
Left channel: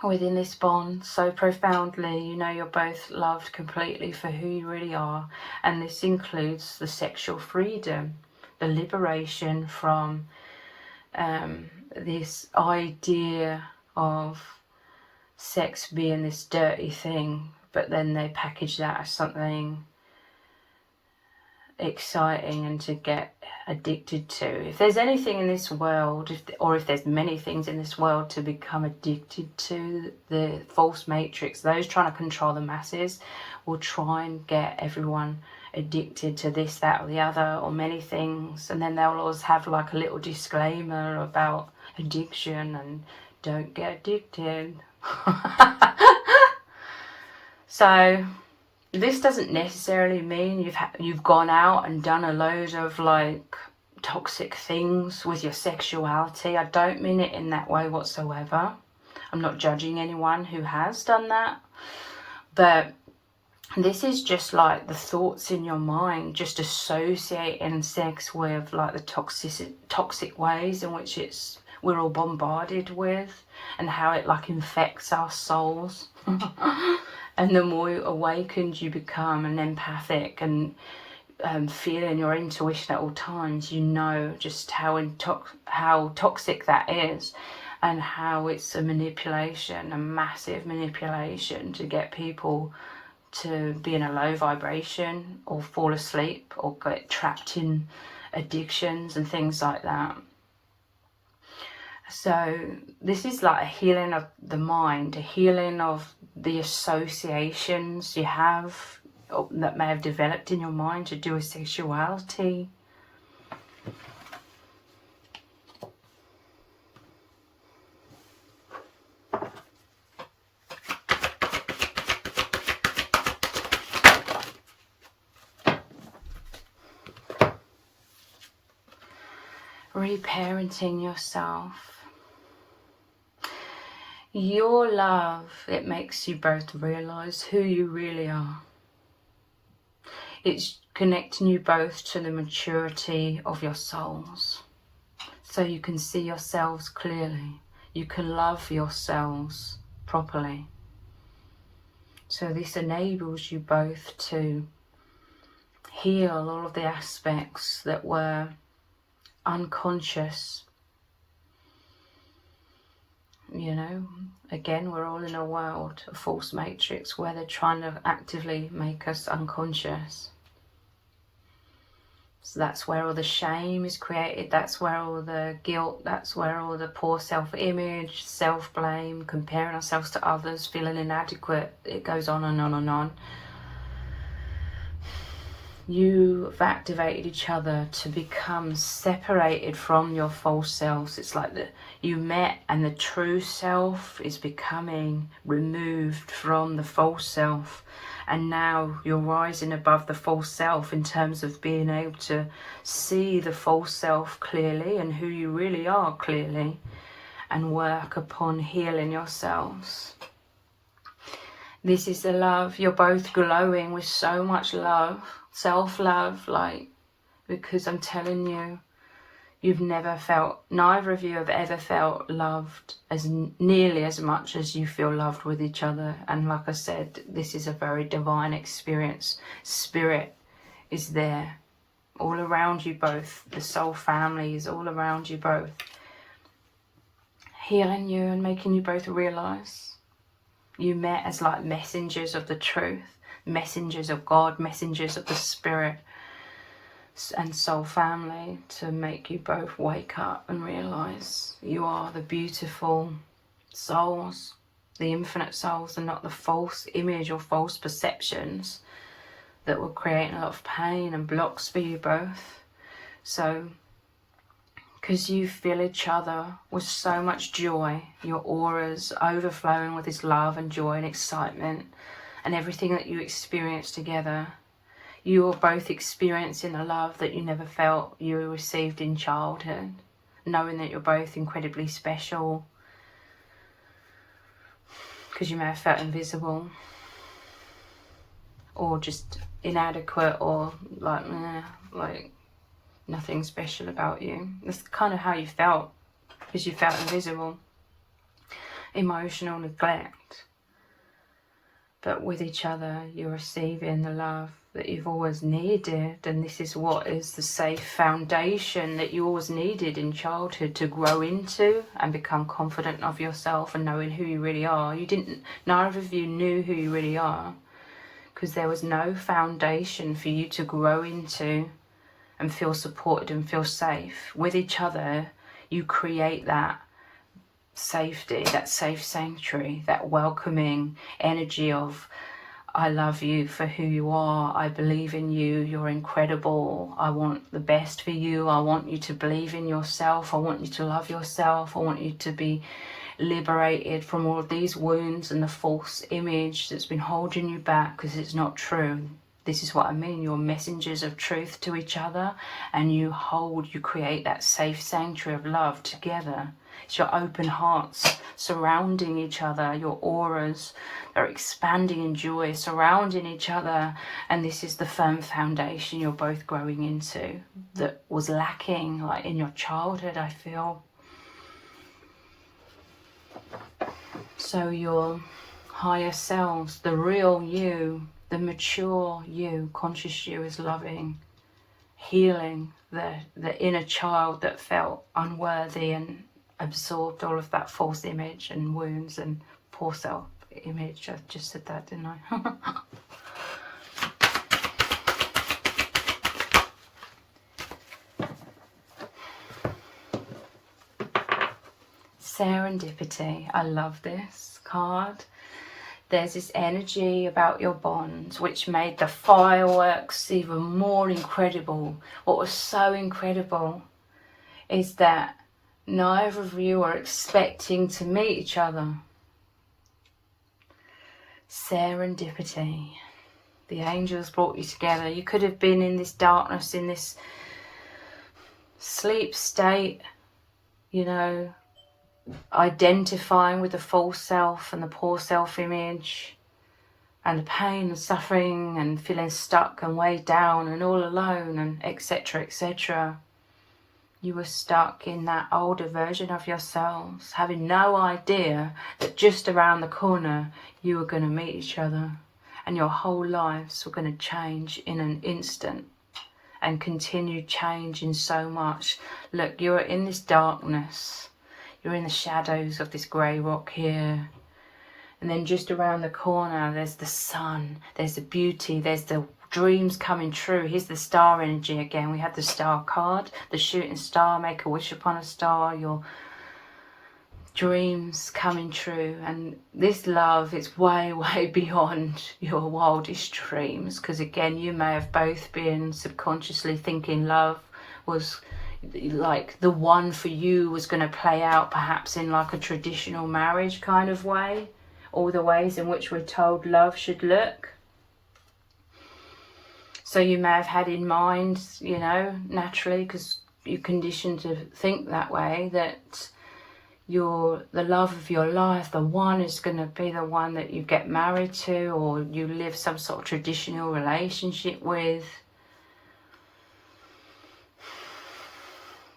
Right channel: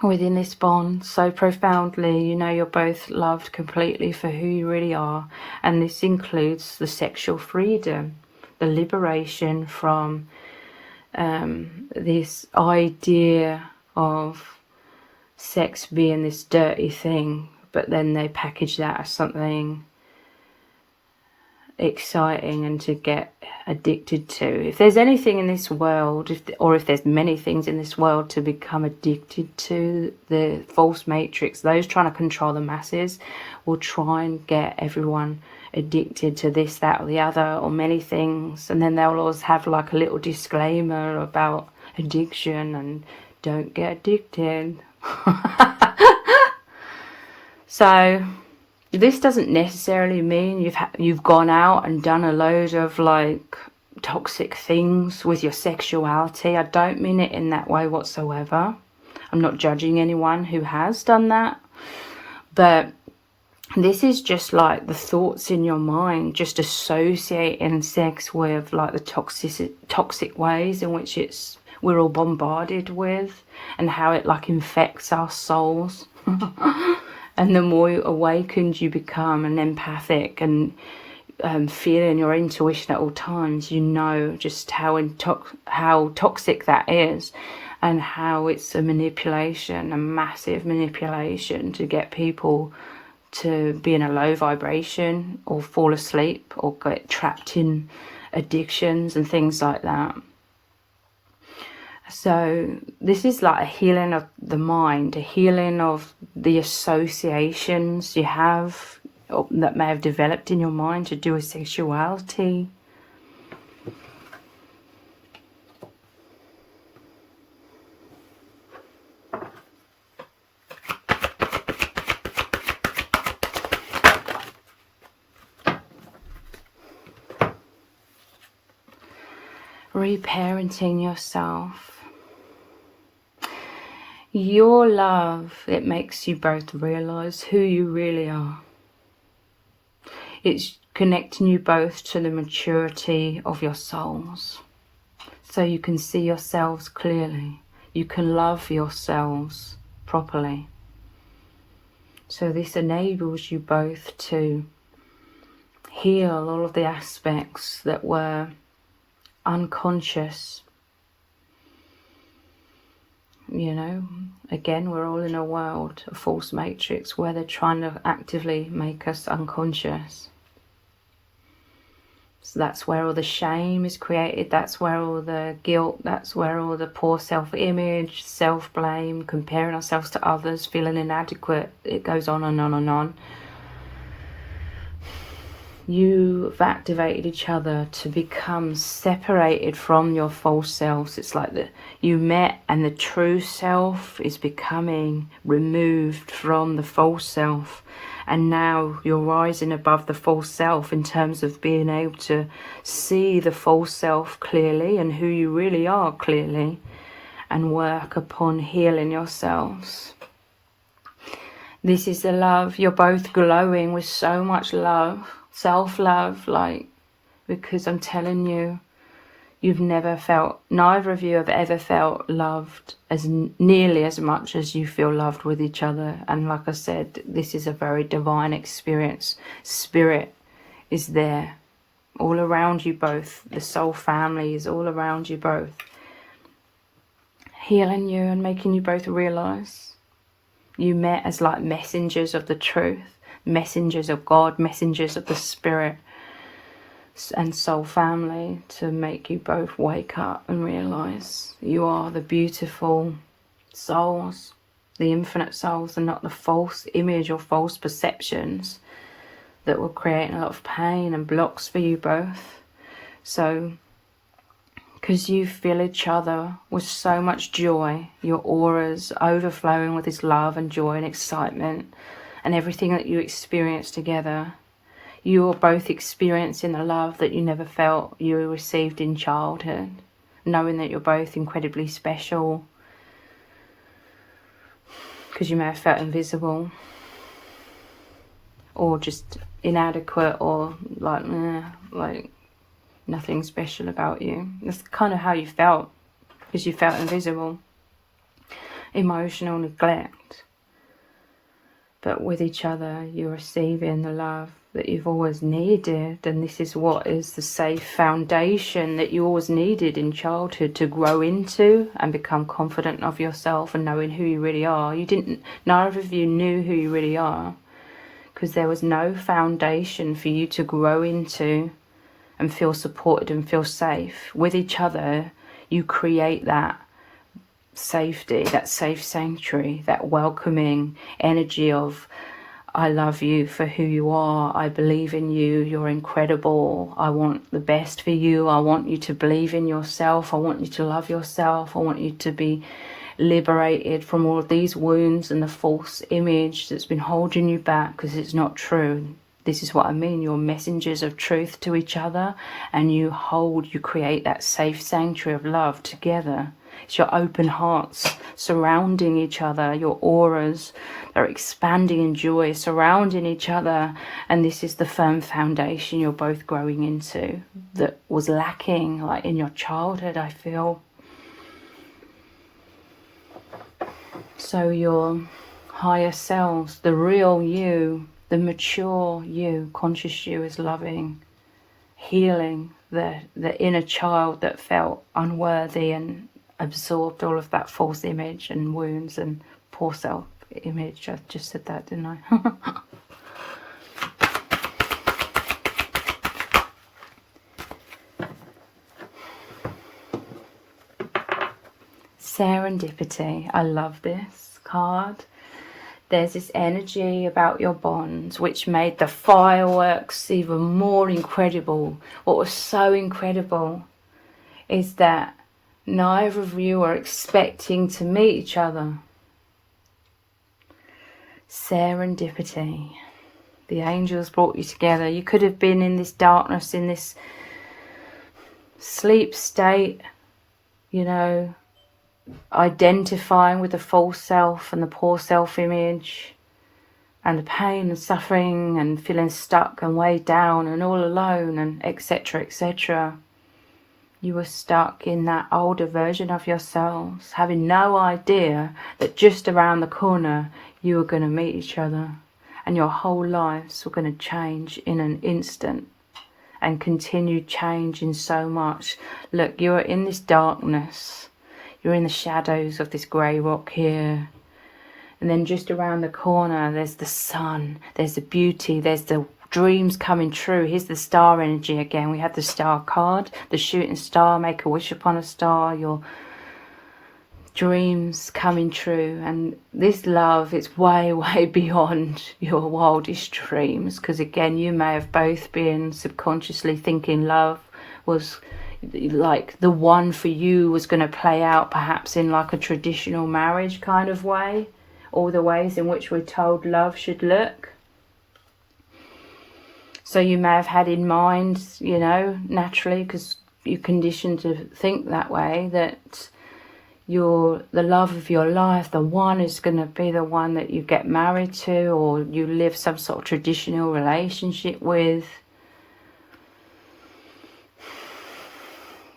within this bond so profoundly. You know you're both loved completely for who you really are, and this includes the sexual freedom, the liberation from this idea of sex being this dirty thing, but then they package that as something exciting and to get addicted to. If there's anything in this world, if there's many things in this world to become addicted to, the false matrix, those trying to control the masses, will try and get everyone addicted to this, that or the other, or many things, and then they'll always have like a little disclaimer about addiction and don't get addicted. So this doesn't necessarily mean you've gone out and done a load of like toxic things with your sexuality. I don't mean it in that way whatsoever. I'm not judging anyone who has done that, but this is just like the thoughts in your mind, just associating sex with like the toxic ways in which we're all bombarded with, and how it like infects our souls. And the more awakened you become and empathic and feeling your intuition at all times, you know just how toxic that is, and how it's a manipulation, a massive manipulation to get people to be in a low vibration or fall asleep or get trapped in addictions and things like that. So this is like a healing of the mind, a healing of the associations you have that may have developed in your mind to do with sexuality. Reparenting yourself. Your love, it makes you both realize who you really are. It's connecting you both to the maturity of your souls, so you can see yourselves clearly. You can love yourselves properly. So this enables you both to heal all of the aspects that were unconscious. You know, again, we're all in a world, a false matrix, where they're trying to actively make us unconscious. So that's where all the shame is created, that's where all the guilt, that's where all the poor self-image, self-blame, comparing ourselves to others, feeling inadequate, it goes on and on and on. You've activated each other to become separated from your false selves. It's like that you met and the true self is becoming removed from the false self, and now you're rising above the false self in terms of being able to see the false self clearly and who you really are clearly, and work upon healing yourselves. This is the love. You're both glowing with so much love, self-love, like, because I'm telling you, you've never felt, neither of you have ever felt loved as nearly as much as you feel loved with each other. And like I said, this is a very divine experience. Spirit is there all around you both. The soul family is all around you both, healing you and making you both realize you met as like messengers of the truth, messengers of God, messengers of the Spirit and soul family, to make you both wake up and realize you are the beautiful souls, the infinite souls, and not the false image or false perceptions that will create a lot of pain and blocks for you both. So because you fill each other with so much joy, your auras overflowing with this love and joy and excitement, and everything that you experience together, you are both experiencing a love that you never felt you received in childhood, knowing that you're both incredibly special, because you may have felt invisible or just inadequate, or like nothing special about you. That's kind of how you felt, because you felt invisible, emotional neglect. But with each other, you're receiving the love that you've always needed, and this is what is the safe foundation that you always needed in childhood to grow into and become confident of yourself and knowing who you really are. Neither of you knew who you really are, because there was no foundation for you to grow into and feel supported and feel safe. With each other, you create that safety, that safe sanctuary, that welcoming energy of, I love you for who you are, I believe in you, you're incredible, I want the best for you, I want you to believe in yourself, I want you to love yourself, I want you to be liberated from all of these wounds and the false image that's been holding you back because it's not true. This is what I mean. You're messengers of truth to each other, and you create that safe sanctuary of love together. It's your open hearts surrounding each other, your auras are expanding in joy, surrounding each other, and this is the firm foundation you're both growing into that was lacking, like in your childhood, I feel. So your higher selves, the real you, the mature you, conscious you, is loving, healing the inner child that felt unworthy and absorbed all of that false image and wounds and poor self-image. I just said that, didn't I? Serendipity. I love this card. There's this energy about your bonds which made the fireworks even more incredible. What was so incredible is that neither of you are expecting to meet each other. Serendipity. The angels brought you together. You could have been in this darkness, in this sleep state, you know, identifying with the false self and the poor self-image and the pain and suffering and feeling stuck and weighed down and all alone and etc, etc. You were stuck in that older version of yourselves, having no idea that just around the corner you were going to meet each other and your whole lives were going to change in an instant and continue changing so much. Look, you're in this darkness. You're in the shadows of this grey rock here. And then just around the corner, there's the sun, there's the beauty, there's the dreams coming true. Here's the star energy again. We have the star card, the shooting star, make a wish upon a star, your dreams coming true. And this love, it's way, way beyond your wildest dreams. Because again, you may have both been subconsciously thinking love was like the one for you was going to play out perhaps in like a traditional marriage kind of way, all the ways in which we're told love should look. So you may have had in mind, you know, naturally, because you're conditioned to think that way, that the love of your life, the one, is going to be the one that you get married to or you live some sort of traditional relationship with.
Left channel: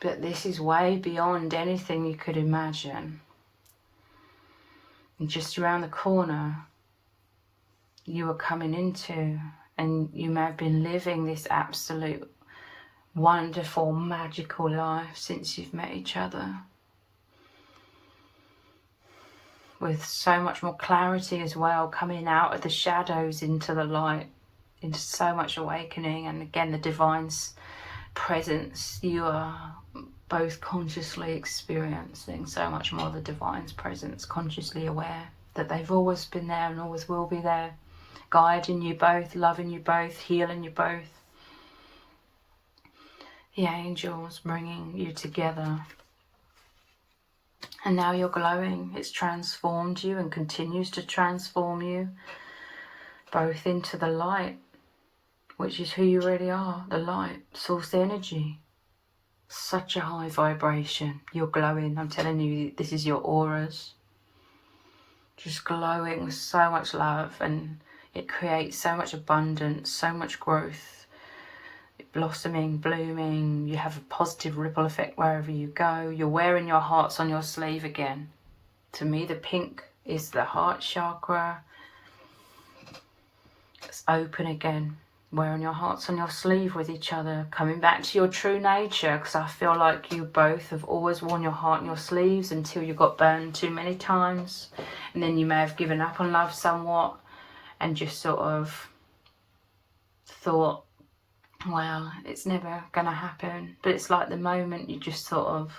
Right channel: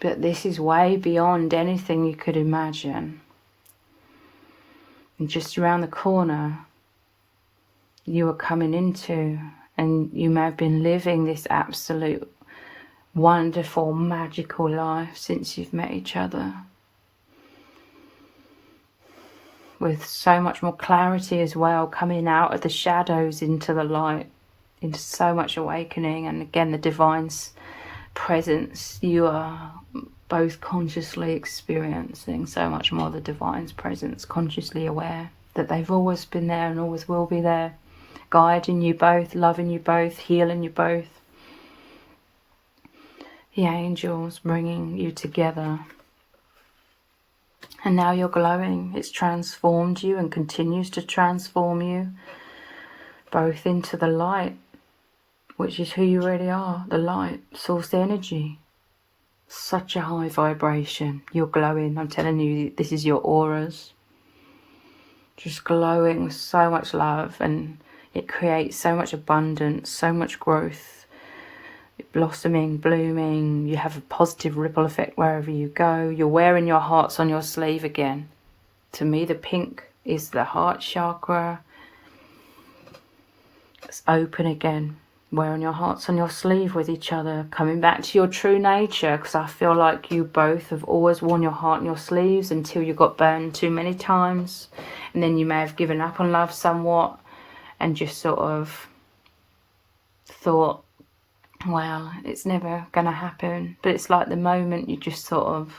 But this is way beyond anything you could imagine. And just around the corner, you are coming into, and you may have been living this absolute wonderful, magical life since you've met each other. With so much more clarity as well, coming out of the shadows into the light, into so much awakening. And again, the divine's presence, you are both consciously experiencing so much more the divine's presence, consciously aware that they've always been there and always will be there, guiding you both, loving you both, healing you both. The angels bringing you together. And now you're glowing. It's transformed you and continues to transform you both into the light, which is who you really are, the light, source energy. Such a high vibration. You're glowing. I'm telling you, this is your auras. Just glowing with so much love, and it creates so much abundance, so much growth. Blossoming, blooming. You have a positive ripple effect wherever you go. You're wearing your hearts on your sleeve again. To me, the pink is the heart chakra. It's open again. Wearing your hearts on your sleeve with each other, coming back to your true nature, because I feel like you both have always worn your heart on your sleeves until you got burned too many times, and then you may have given up on love somewhat and just sort of thought, wow, it's never going to happen. But it's like the moment you just sort of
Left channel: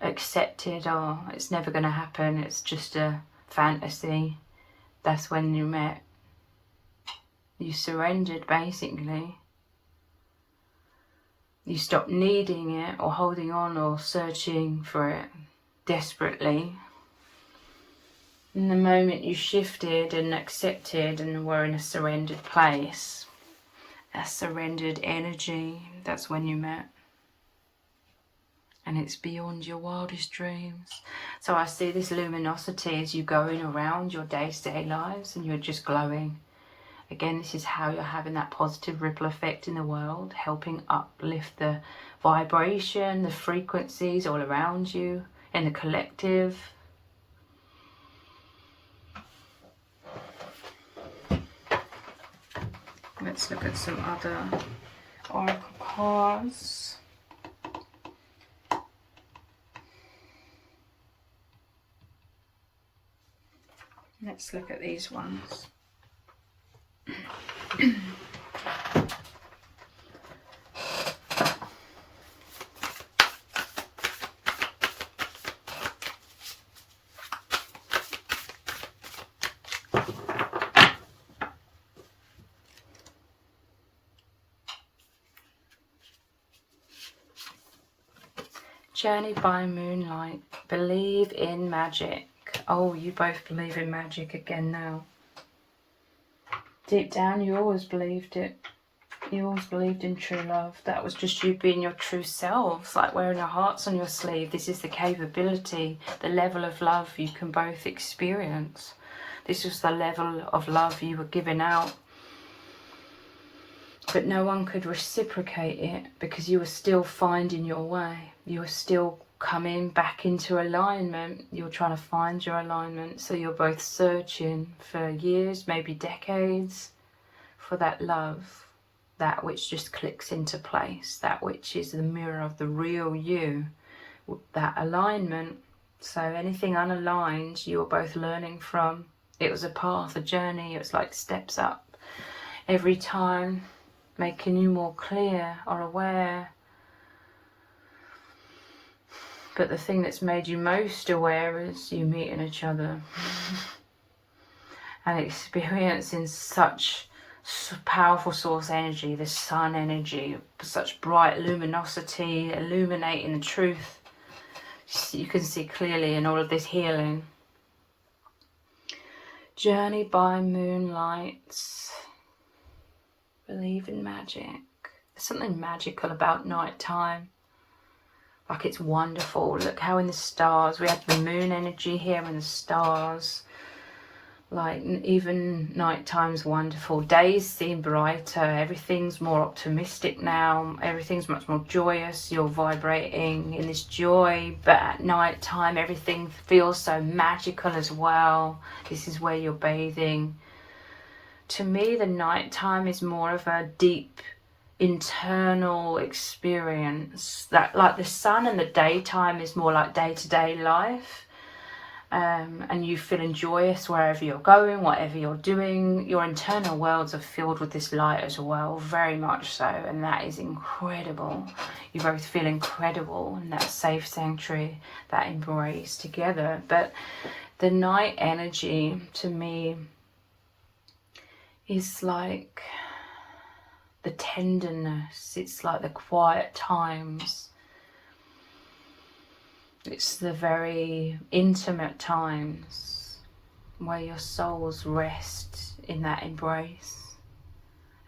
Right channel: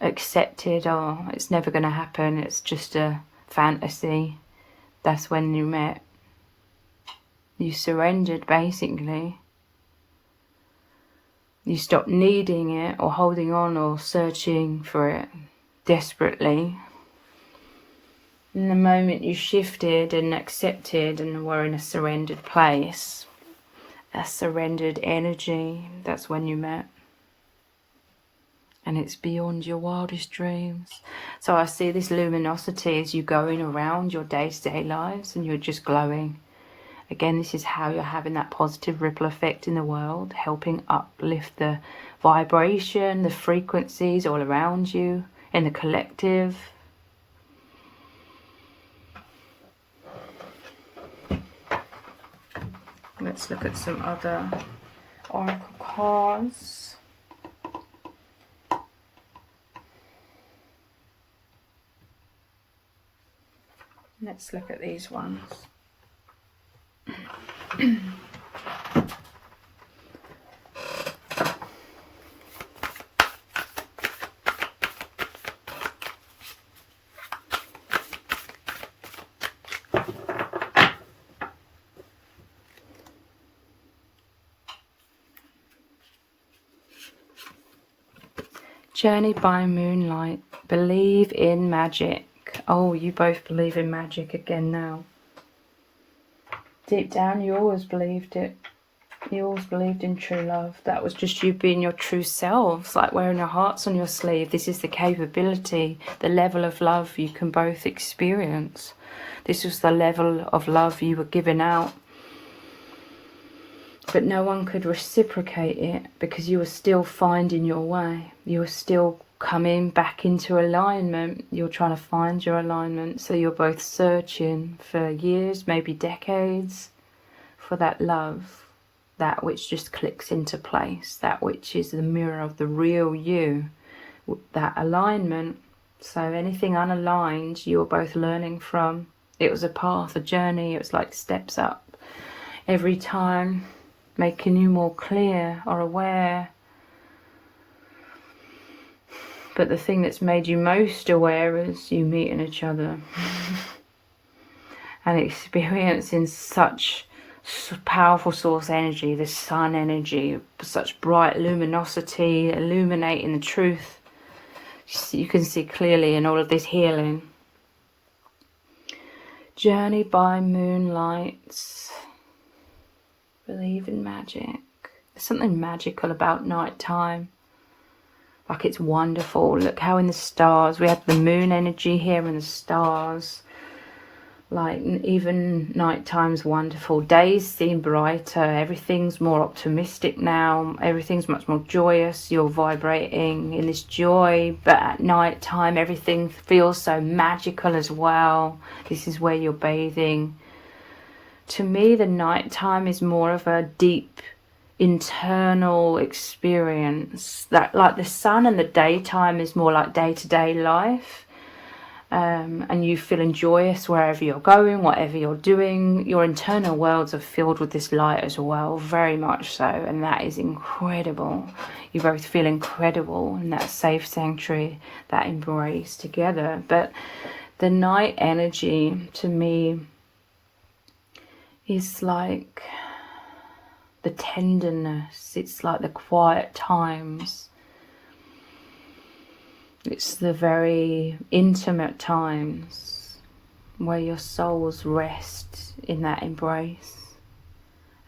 accepted, oh, it's never going to happen, it's just a fantasy. That's when you met. You surrendered, basically. You stopped needing it or holding on or searching for it desperately. In the moment you shifted and accepted and were in a surrendered place, a surrendered energy, that's when you met. And it's beyond your wildest dreams. So I see this luminosity as you going around your day-to-day lives and you're just glowing. Again, this is how you're having that positive ripple effect in the world, helping uplift the vibration, the frequencies all around you, in the collective. Let's look at some other oracle cards. Let's look at these ones. Journey by moonlight. Believe in magic. Oh, you both believe in magic again now. Deep down, you always believed it. You always believed in true love. That was just you being your true selves, like wearing your hearts on your sleeve. This is the capability, the level of love you can both experience. This was the level of love you were giving out. But no one could reciprocate it because you were still finding your way. You were still coming back into alignment. You're trying to find your alignment. So you're both searching for years, maybe decades, for that love, that which just clicks into place, that which is the mirror of the real you, that alignment. So anything unaligned, you're both learning from. It was a path, a journey. It was like steps up every time, making you more clear or aware. But the thing that's made you most aware is you meeting each other and experiencing such powerful source energy, this sun energy, such bright luminosity, illuminating the truth. You can see clearly in all of this healing. Journey by moonlight. Believe in magic. There's something magical about night time. Like, it's wonderful. Look how in the stars, we have the moon energy here and the stars. Like, even night time's wonderful. Days seem brighter. Everything's more optimistic now. Everything's much more joyous. You're vibrating in this joy. But at night time, everything feels so magical as well. This is where you're bathing. To me, the night time is more of a deep internal experience. That, like, the sun and the daytime is more like day-to-day life. And you feeling joyous wherever you're going, whatever you're doing. Your internal worlds are filled with this light as well, very much so, and that is incredible. You both feel incredible in that safe sanctuary, that embrace together. But the night energy, to me, is like the tenderness. It's like the quiet times. It's the very intimate times where your souls rest in that embrace.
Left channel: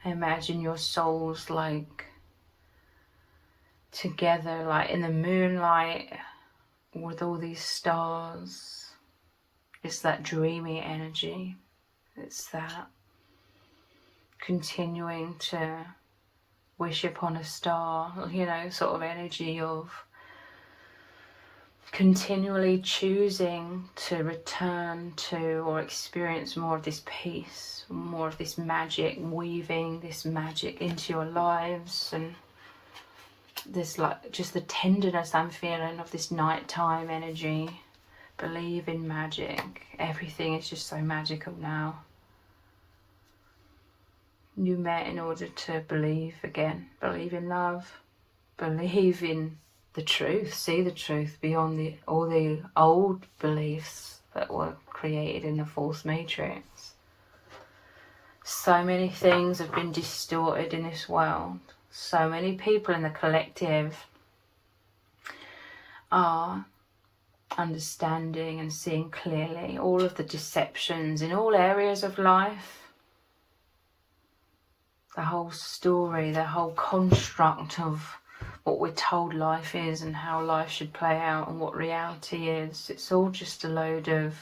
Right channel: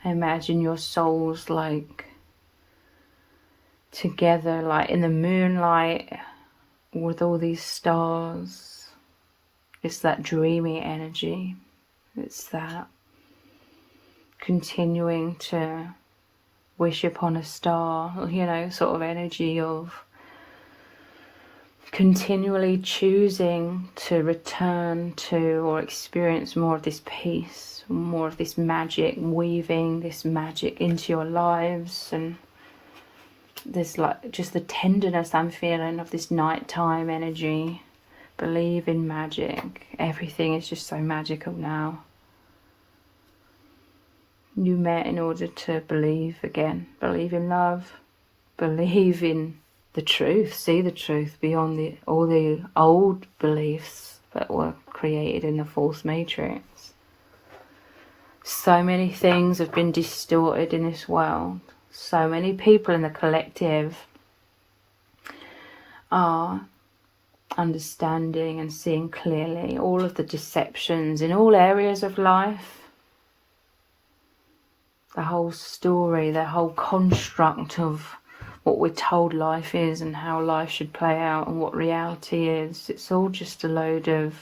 Imagine your souls like together, like in the moonlight with all these stars. It's that dreamy energy. It's that continuing to wish upon a star, you know, sort of energy of continually choosing to return to or experience more of this peace, more of this magic, weaving this magic into your lives. And there's like just the tenderness I'm feeling of this nighttime energy. Believe in magic. Everything is just so magical now. You met in order to believe again, believe in love, believe in the truth, see the truth beyond all the old beliefs that were created in the false matrix. So many things have been distorted in this world. So many people in the collective are understanding and seeing clearly all of the deceptions in all areas of life. The whole story, the whole construct of what we're told life is and how life should play out and what reality is. It's all just a load of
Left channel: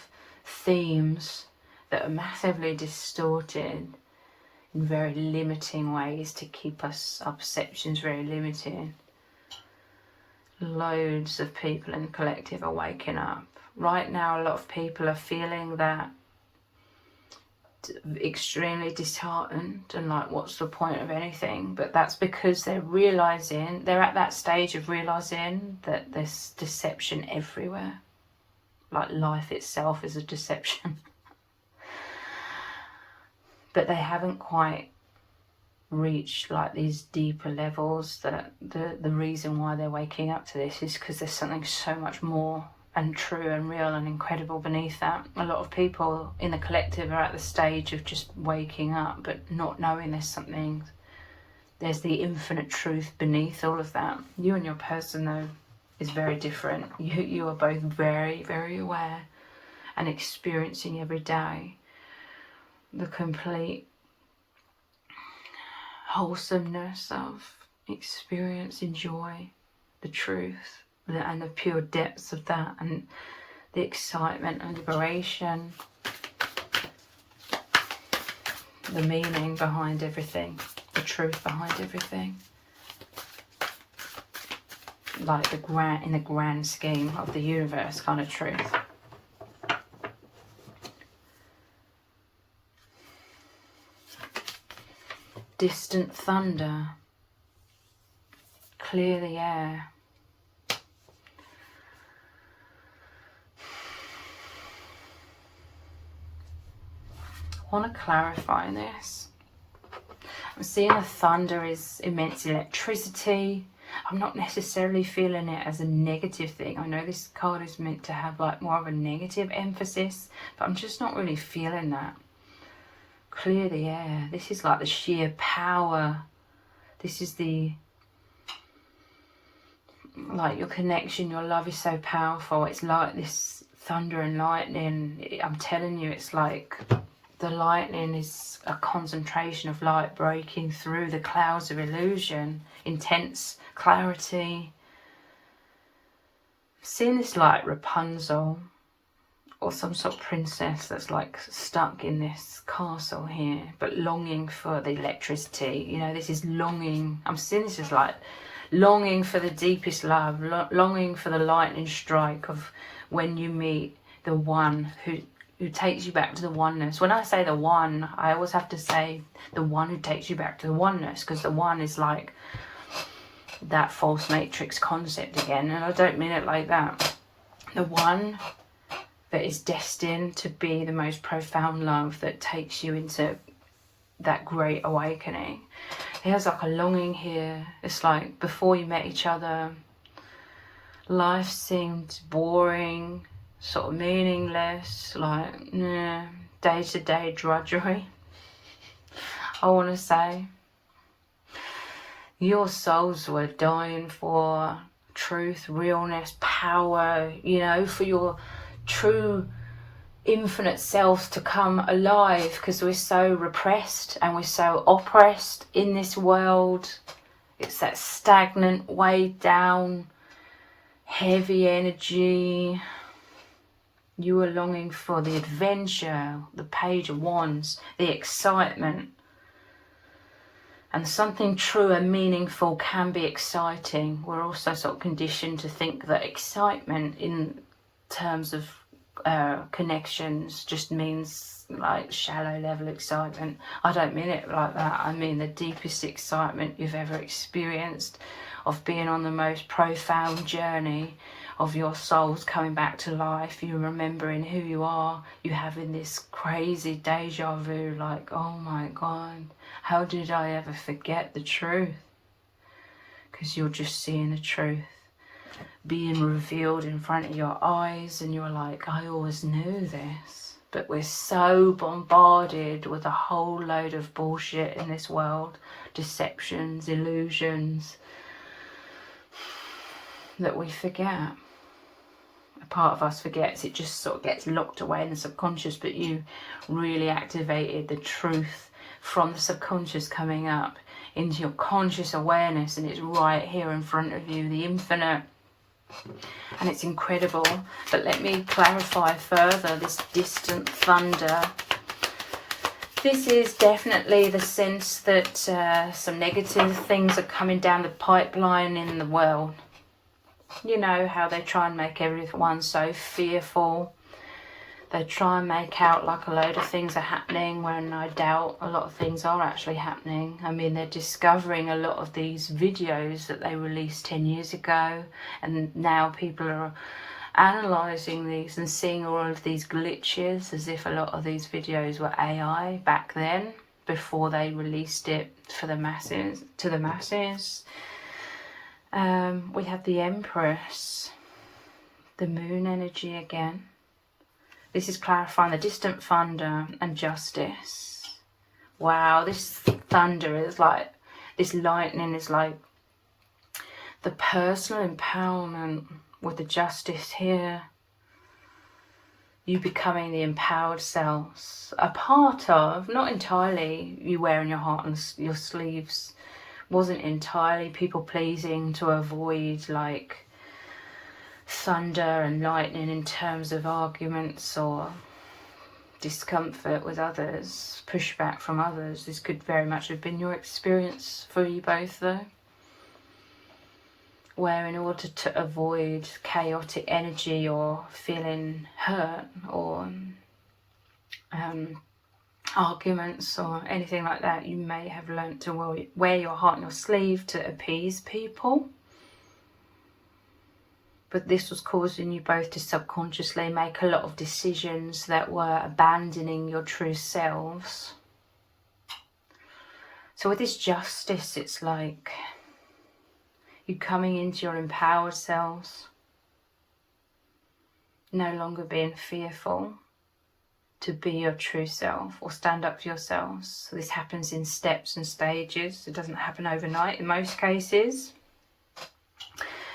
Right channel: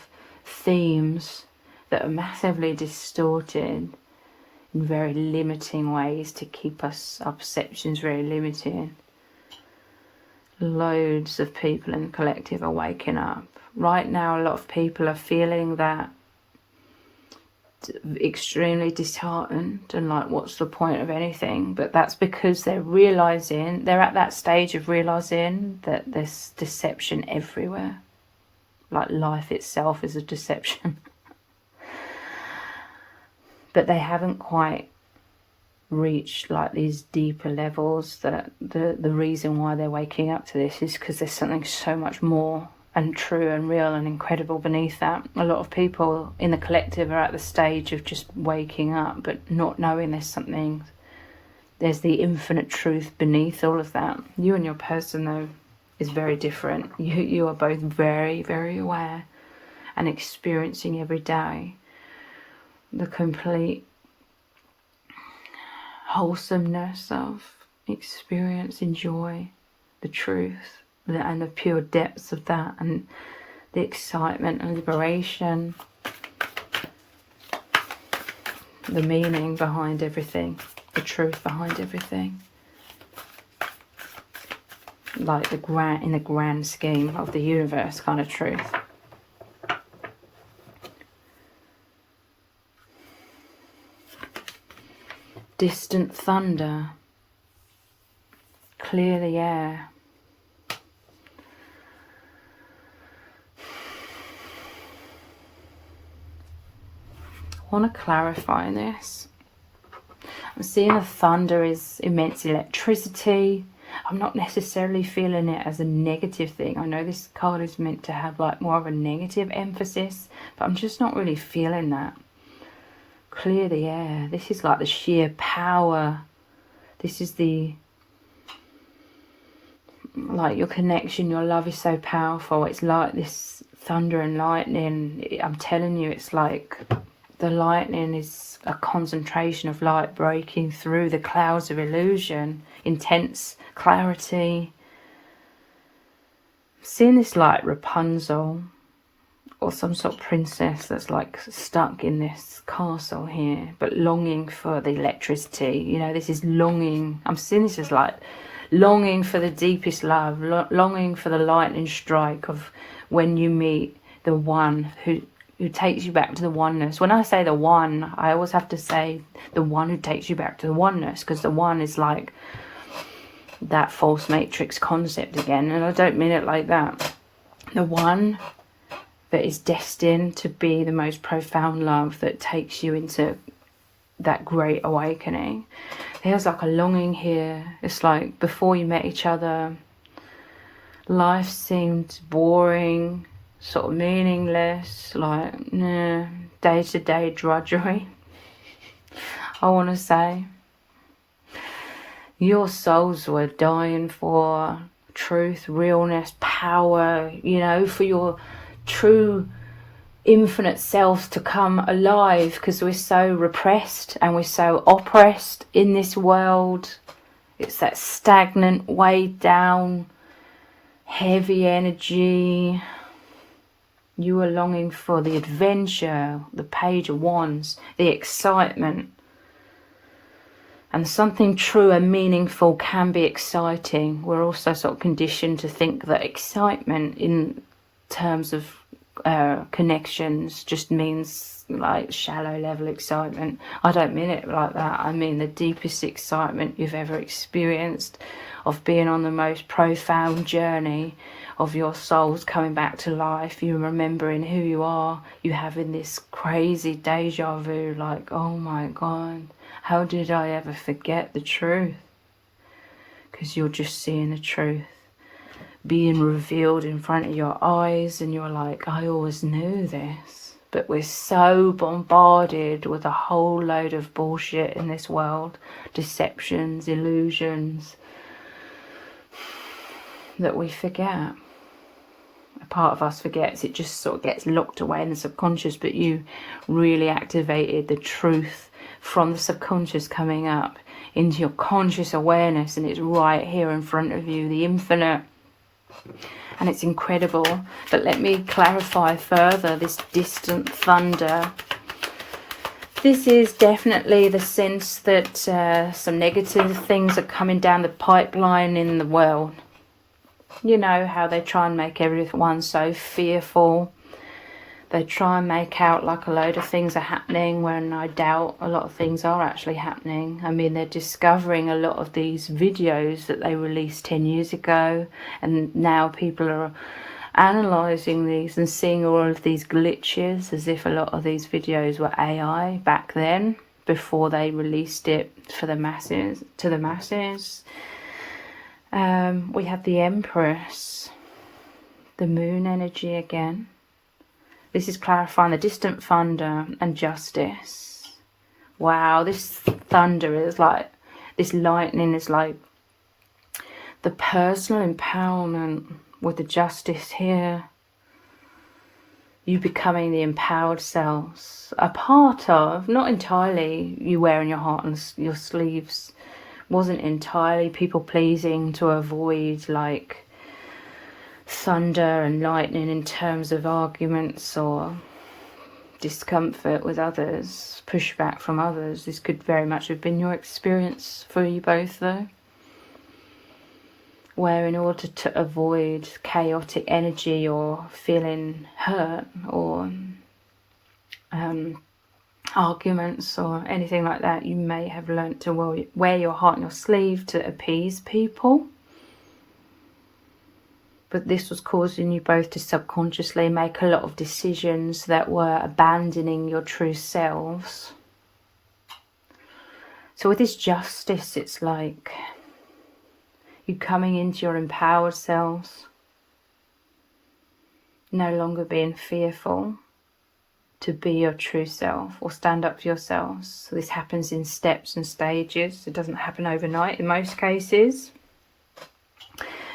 themes that are massively distorted in very limiting ways to keep our perceptions very limited. Loads of people in the collective are waking up. Right now, a lot of people are feeling that extremely disheartened and like, what's the point of anything? But that's because they're at that stage of realizing that there's deception everywhere. Like life itself is a deception. But they haven't quite reached like these deeper levels. That the reason why they're waking up to this is because there's something so much more and true and real and incredible beneath that. A lot of people in the collective are at the stage of just waking up but not knowing there's the infinite truth beneath all of that. You and your person though is very different. You are both very, very aware and experiencing every day the complete wholesomeness of experience, enjoy the truth and the pure depths of that, and the excitement and liberation, the meaning behind everything, the truth behind everything, like in the grand scheme of the universe kind of truth. Distant thunder, clear the air. I want to clarify this. I'm seeing the thunder is immense electricity. I'm not necessarily feeling it as a negative thing. I know this card is meant to have like more of a negative emphasis, but I'm just not really feeling that. Clear the air. This is like the sheer power. This is like your connection, your love is so powerful. It's like this thunder and lightning. I'm telling you, it's like the lightning is a concentration of light breaking through the clouds of illusion, intense clarity. I'm seeing this like Rapunzel or some sort of princess that's like stuck in this castle here, but longing for the electricity. You know, this is longing. I'm seeing this as like longing for the deepest love, longing for the lightning strike of when you meet the one who takes you back to the oneness. When I say the one, I always have to say the one who takes you back to the oneness, because the one is like that false matrix concept again, and I don't mean it like that. The one that is destined to be the most profound love that takes you into that great awakening. There's like a longing here. It's like before you met each other, life seemed boring, sort of meaningless, like day-to-day drudgery. I want to say your souls were dying for truth, realness, power, you know, for your true infinite selves to come alive, because we're so repressed and we're so oppressed in this world. It's that stagnant, weighed down, heavy energy. You are longing for the adventure, the Page of Wands, the excitement. And something true and meaningful can be exciting. We're also sort of conditioned to think that excitement in terms of connections just means like shallow level excitement. I don't mean it like that. I mean the deepest excitement you've ever experienced, of being on the most profound journey of your souls coming back to life, you remembering who you are, you having this crazy deja vu, like, oh my God, how did I ever forget the truth? Because you're just seeing the truth being revealed in front of your eyes, and you're like, I always knew this. But we're so bombarded with a whole load of bullshit in this world, deceptions, illusions, that we forget. A part of us forgets, it just sort of gets locked away in the subconscious, but you really activated the truth from the subconscious coming up into your conscious awareness, and it's right here in front of you, the infinite. And it's incredible. But let me clarify further, this distant thunder. This is definitely the sense that some negative things are coming down the pipeline in the world. You know how they try and make everyone so fearful. They try and make out like a load of things are happening, when I doubt a lot of things are actually happening. I mean, they're discovering a lot of these videos that they released 10 years ago, and now people are analysing these and seeing all of these glitches, as if a lot of these videos were AI back then, before they released it for the masses, to the masses. We have the Empress, the moon energy again. This is clarifying the distant thunder and justice. Wow, this thunder is like, this lightning is like the personal empowerment with the justice here. You becoming the empowered selves. A part of, not entirely, you wearing your heart on your sleeves. Wasn't entirely people pleasing to avoid like thunder and lightning in terms of arguments or discomfort with others, pushback from others. This could very much have been your experience for you both though, where in order to avoid chaotic energy or feeling hurt or arguments or anything like that, you may have learnt to wear your heart on your sleeve to appease people. But this was causing you both to subconsciously make a lot of decisions that were abandoning your true selves. So with this justice, it's like you coming into your empowered selves, no longer being fearful to be your true self or stand up for yourselves. So this happens in steps and stages. It doesn't happen overnight in most cases.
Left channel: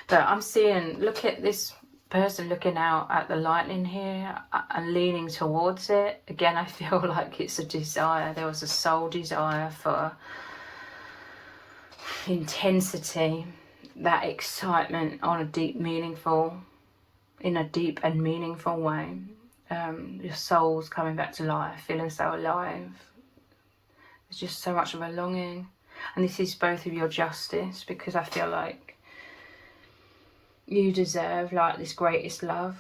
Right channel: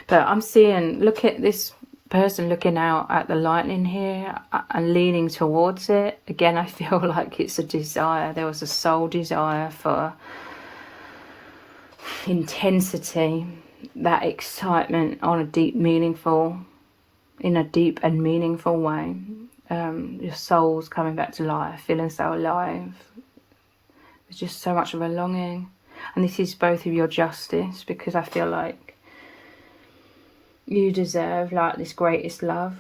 But I'm seeing, look at this person looking out at the lightning here and leaning towards it. Again, I feel like it's a desire. There was a soul desire for intensity, that excitement on a deep, meaningful, in a deep and meaningful way. Your soul's coming back to life, feeling so alive. There's just so much of a longing. And this is both of your justice, because I feel like you deserve like this greatest love.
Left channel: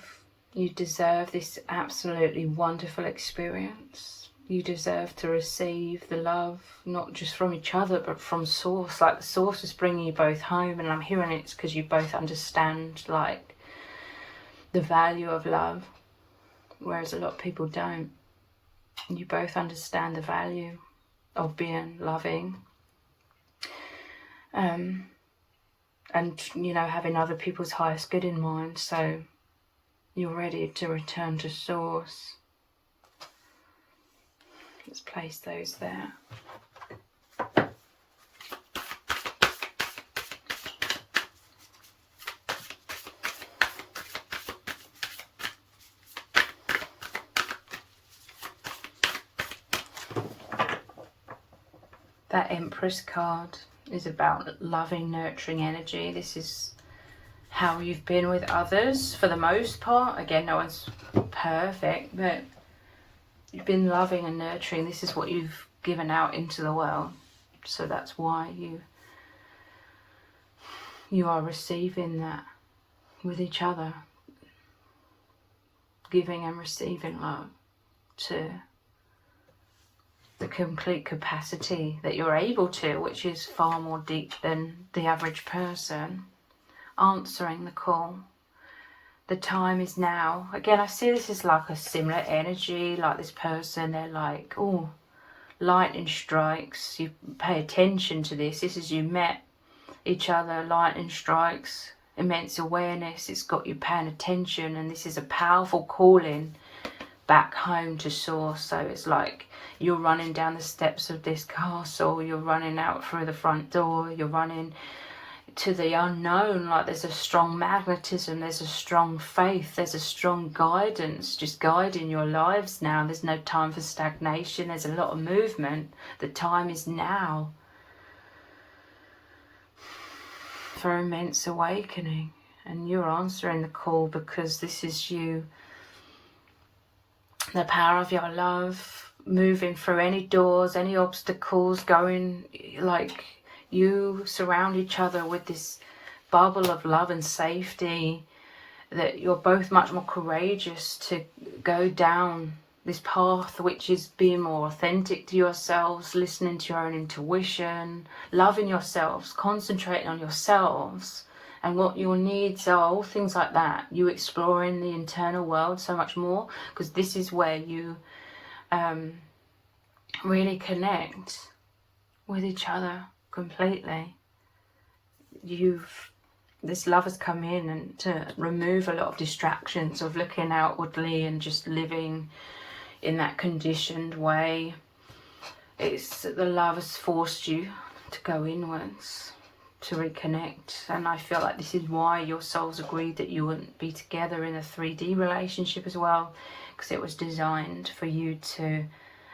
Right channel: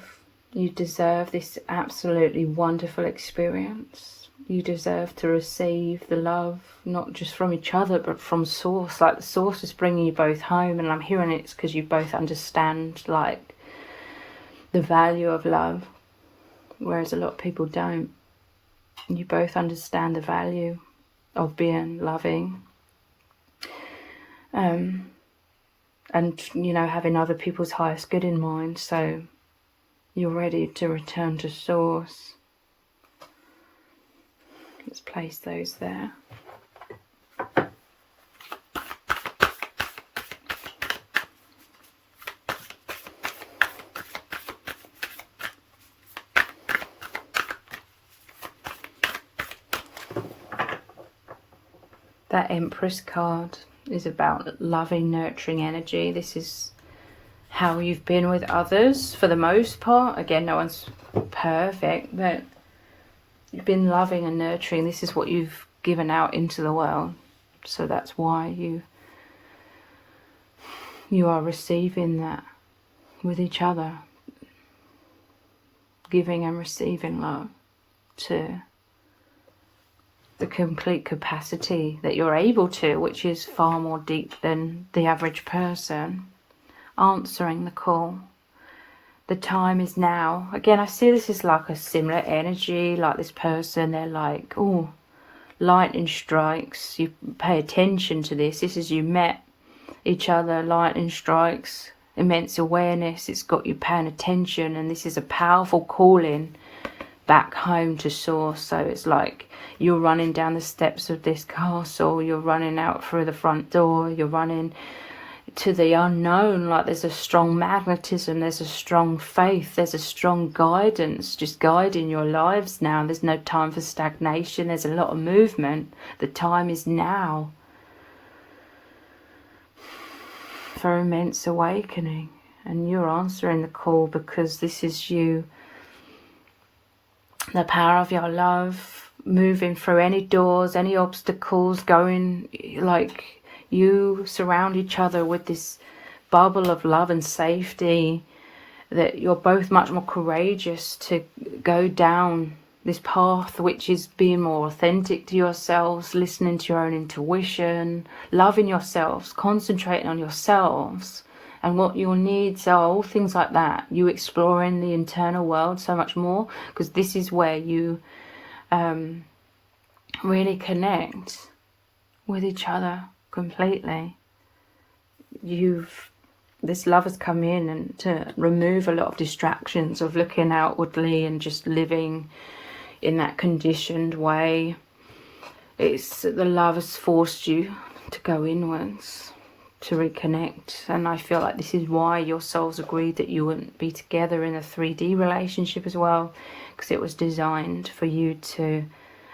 You deserve this absolutely wonderful experience. You deserve to receive the love, not just from each other, but from Source. Like the Source is bringing you both home, and I'm hearing it's because you both understand like the value of love, whereas a lot of people don't. You both understand the value of being loving. And, you know, having other people's highest good in mind. So you're ready to return to Source. Let's place those there. That Empress card is about loving, nurturing energy. This is how you've been with others for the most part. Again, no one's perfect, but you've been loving and nurturing. This is what you've given out into the world. So that's why you are receiving that with each other. Giving and receiving love to the complete capacity that you're able to, which is far more deep than the average person. Answering the call. The time is now. Again, I see this as like a similar energy, like this person, they're like, oh, lightning strikes. You pay attention to this. This is you met each other, lightning strikes, immense awareness. It's got you paying attention, and this is a powerful calling back home to source. So it's like you're running down the steps of this castle, you're running out through the front door, you're running to the unknown. Like there's a strong magnetism, there's a strong faith, there's a strong guidance just guiding your lives now. There's no time for stagnation, there's a lot of movement. The time is now for immense awakening, and you're answering the call because this is you, the power of your love, moving through any doors, any obstacles, going like you surround each other with this bubble of love and safety, that you're both much more courageous to go down this path, which is being more authentic to yourselves, listening to your own intuition, loving yourselves, concentrating on yourselves and what your needs are, all things like that. You exploring the internal world so much more, because this is where you really connect with each other completely. This love has come in and to remove a lot of distractions of looking outwardly and just living in that conditioned way. It's the love has forced you to go inwards, to reconnect. And I feel like this is why your souls agreed that you wouldn't be together in a 3D relationship as well, because it was designed for you to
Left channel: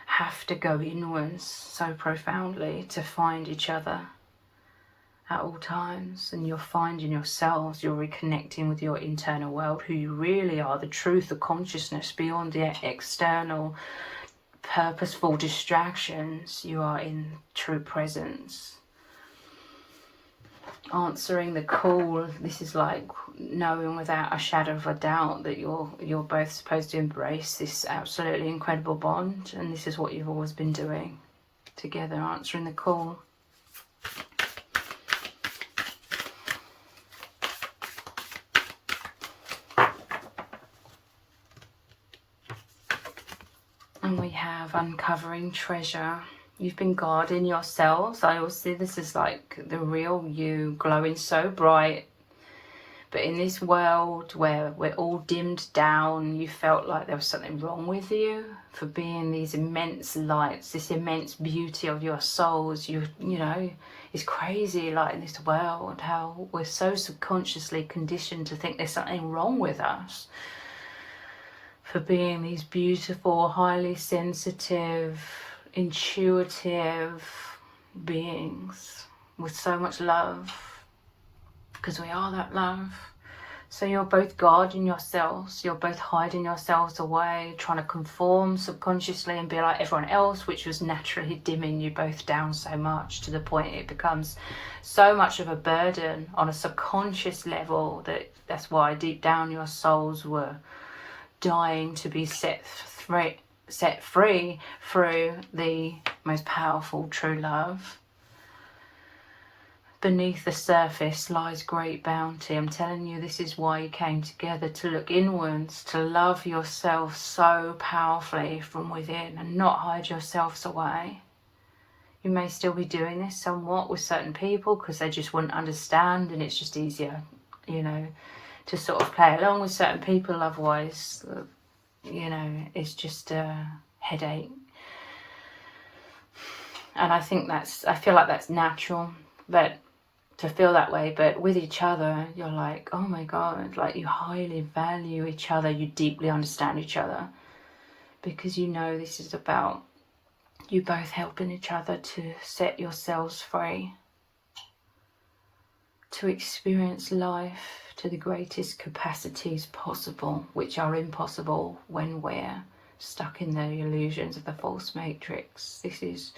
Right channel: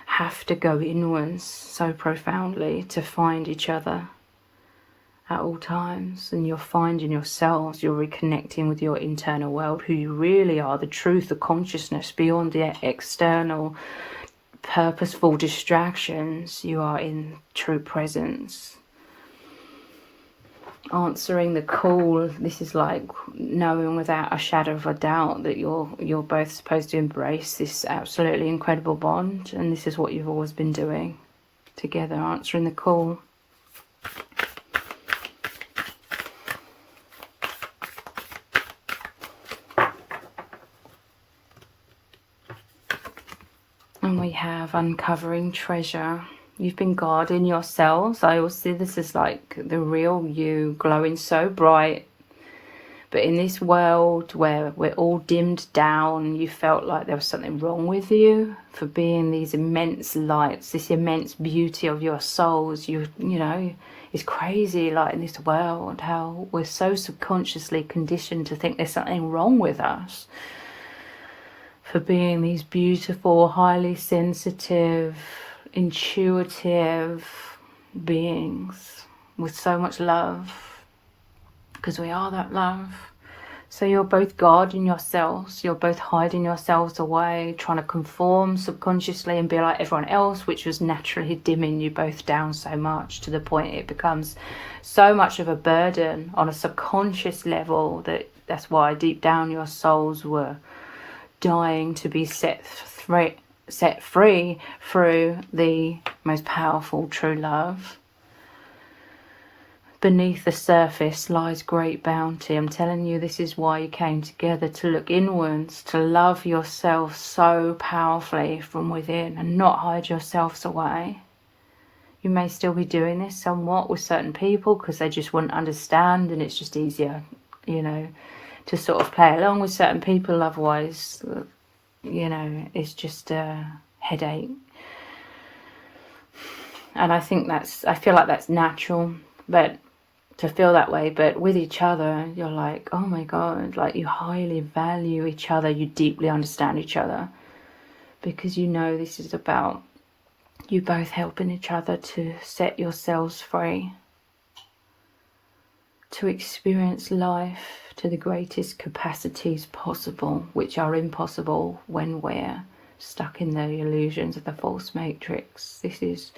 have to go inwards so profoundly to find each other at all times. And you're finding yourselves, you're reconnecting with your internal world, who you really are, the truth of consciousness beyond the external purposeful distractions. You are in true presence. Answering the call. This is like knowing without a shadow of a doubt that you're both supposed to embrace this absolutely incredible bond, and this is what you've always been doing together, answering the call. And we have uncovering treasure. You've been guarding yourselves. I always see this as like the real you, glowing so bright. But in this world where we're all dimmed down, you felt like there was something wrong with you for being these immense lights, this immense beauty of your souls. You know, it's crazy, like in this world, how we're so subconsciously conditioned to think there's something wrong with us for being these beautiful, highly sensitive, intuitive beings with so much love, because we are that love. So you're both guarding yourselves, you're both hiding yourselves away, trying to conform subconsciously and be like everyone else, which was naturally dimming you both down so much, to the point it becomes so much of a burden on a subconscious level that's why deep down your souls were dying to be set free through the most powerful true love. Beneath the surface lies great bounty. I'm telling you, this is why you came together, to look inwards, to love yourself so powerfully from within and not hide yourselves away. You may still be doing this somewhat with certain people because they just wouldn't understand, and it's just easier, you know, to sort of play along with certain people. Otherwise, you know, it's just a headache. And I feel like that's natural, but to feel that way. But with each other, you're like, oh my God, like you highly value each other, you deeply understand each other, because you know this is about you both helping each other to set yourselves free, to experience life to the greatest capacities possible, which are impossible when we're stuck in the illusions of the false matrix. This is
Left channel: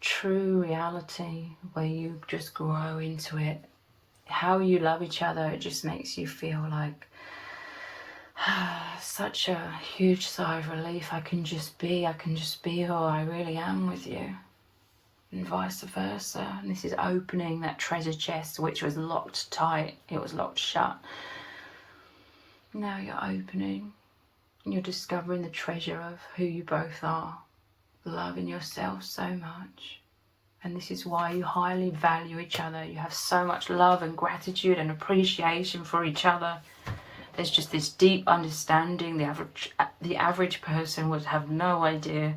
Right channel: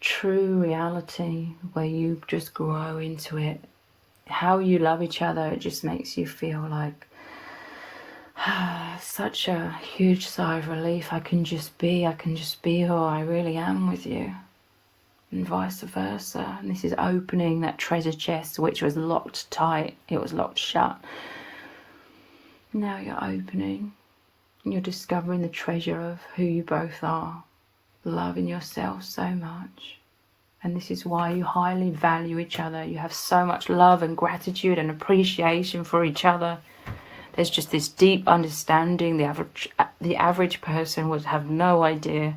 true reality where you just grow into it. How you love each other, it just makes you feel like Such a huge sigh of relief. I can just be who I really am with you, and vice versa. And this is opening that treasure chest which was locked tight, it was locked shut. Now you're opening and you're discovering the treasure of who you both are, loving yourself so much. And this is why you highly value each other. You have so much love and gratitude and appreciation for each other. There's just this deep understanding. The average person would have no idea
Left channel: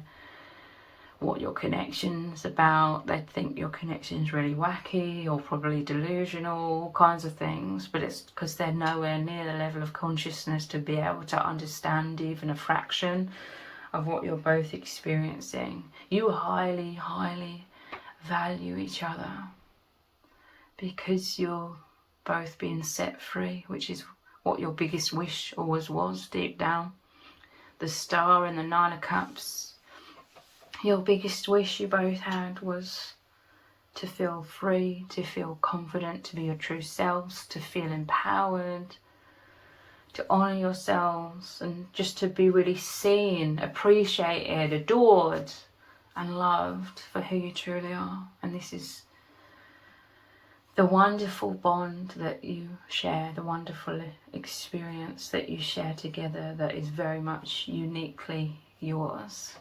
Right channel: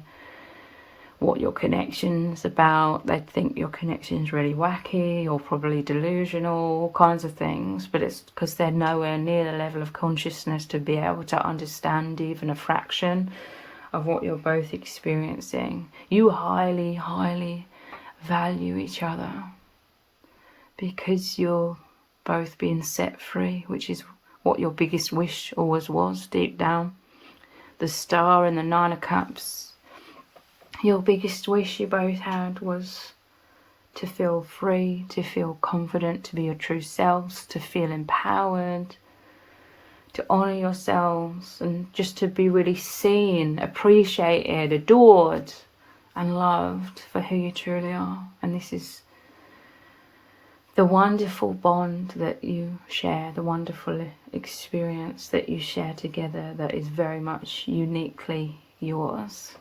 what your connection's about. They'd think your connection's really wacky or probably delusional, all kinds of things. But it's because they're nowhere near the level of consciousness to be able to understand even a fraction of what you're both experiencing. You highly, highly value each other because you're both being set free, which is what your biggest wish always was deep down. The Star and the Nine of Cups, your biggest wish you both had was to feel free, to feel confident, to be your true selves, to feel empowered, to honour yourselves, and just to be really seen, appreciated, adored and loved for who you truly are. And this is the wonderful bond that you share, the wonderful experience that you share together that is very much uniquely yours.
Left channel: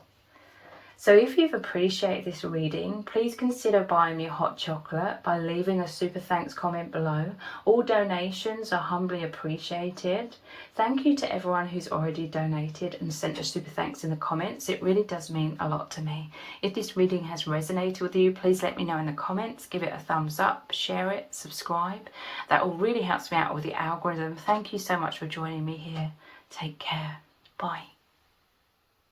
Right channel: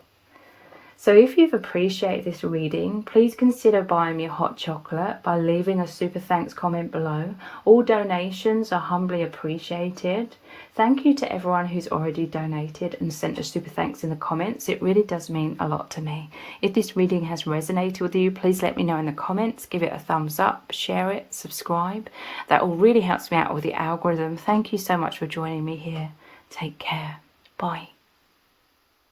So if you've appreciated this reading, please consider buying me a hot chocolate by leaving a super thanks comment below. All donations are humbly appreciated. Thank you to everyone who's already donated and sent a super thanks in the comments. It really does mean a lot to me. If this reading has resonated with you, please let me know in the comments. Give it a thumbs up, share it, subscribe. That all really helps me out with the algorithm. Thank you so much for joining me here. Take care. Bye.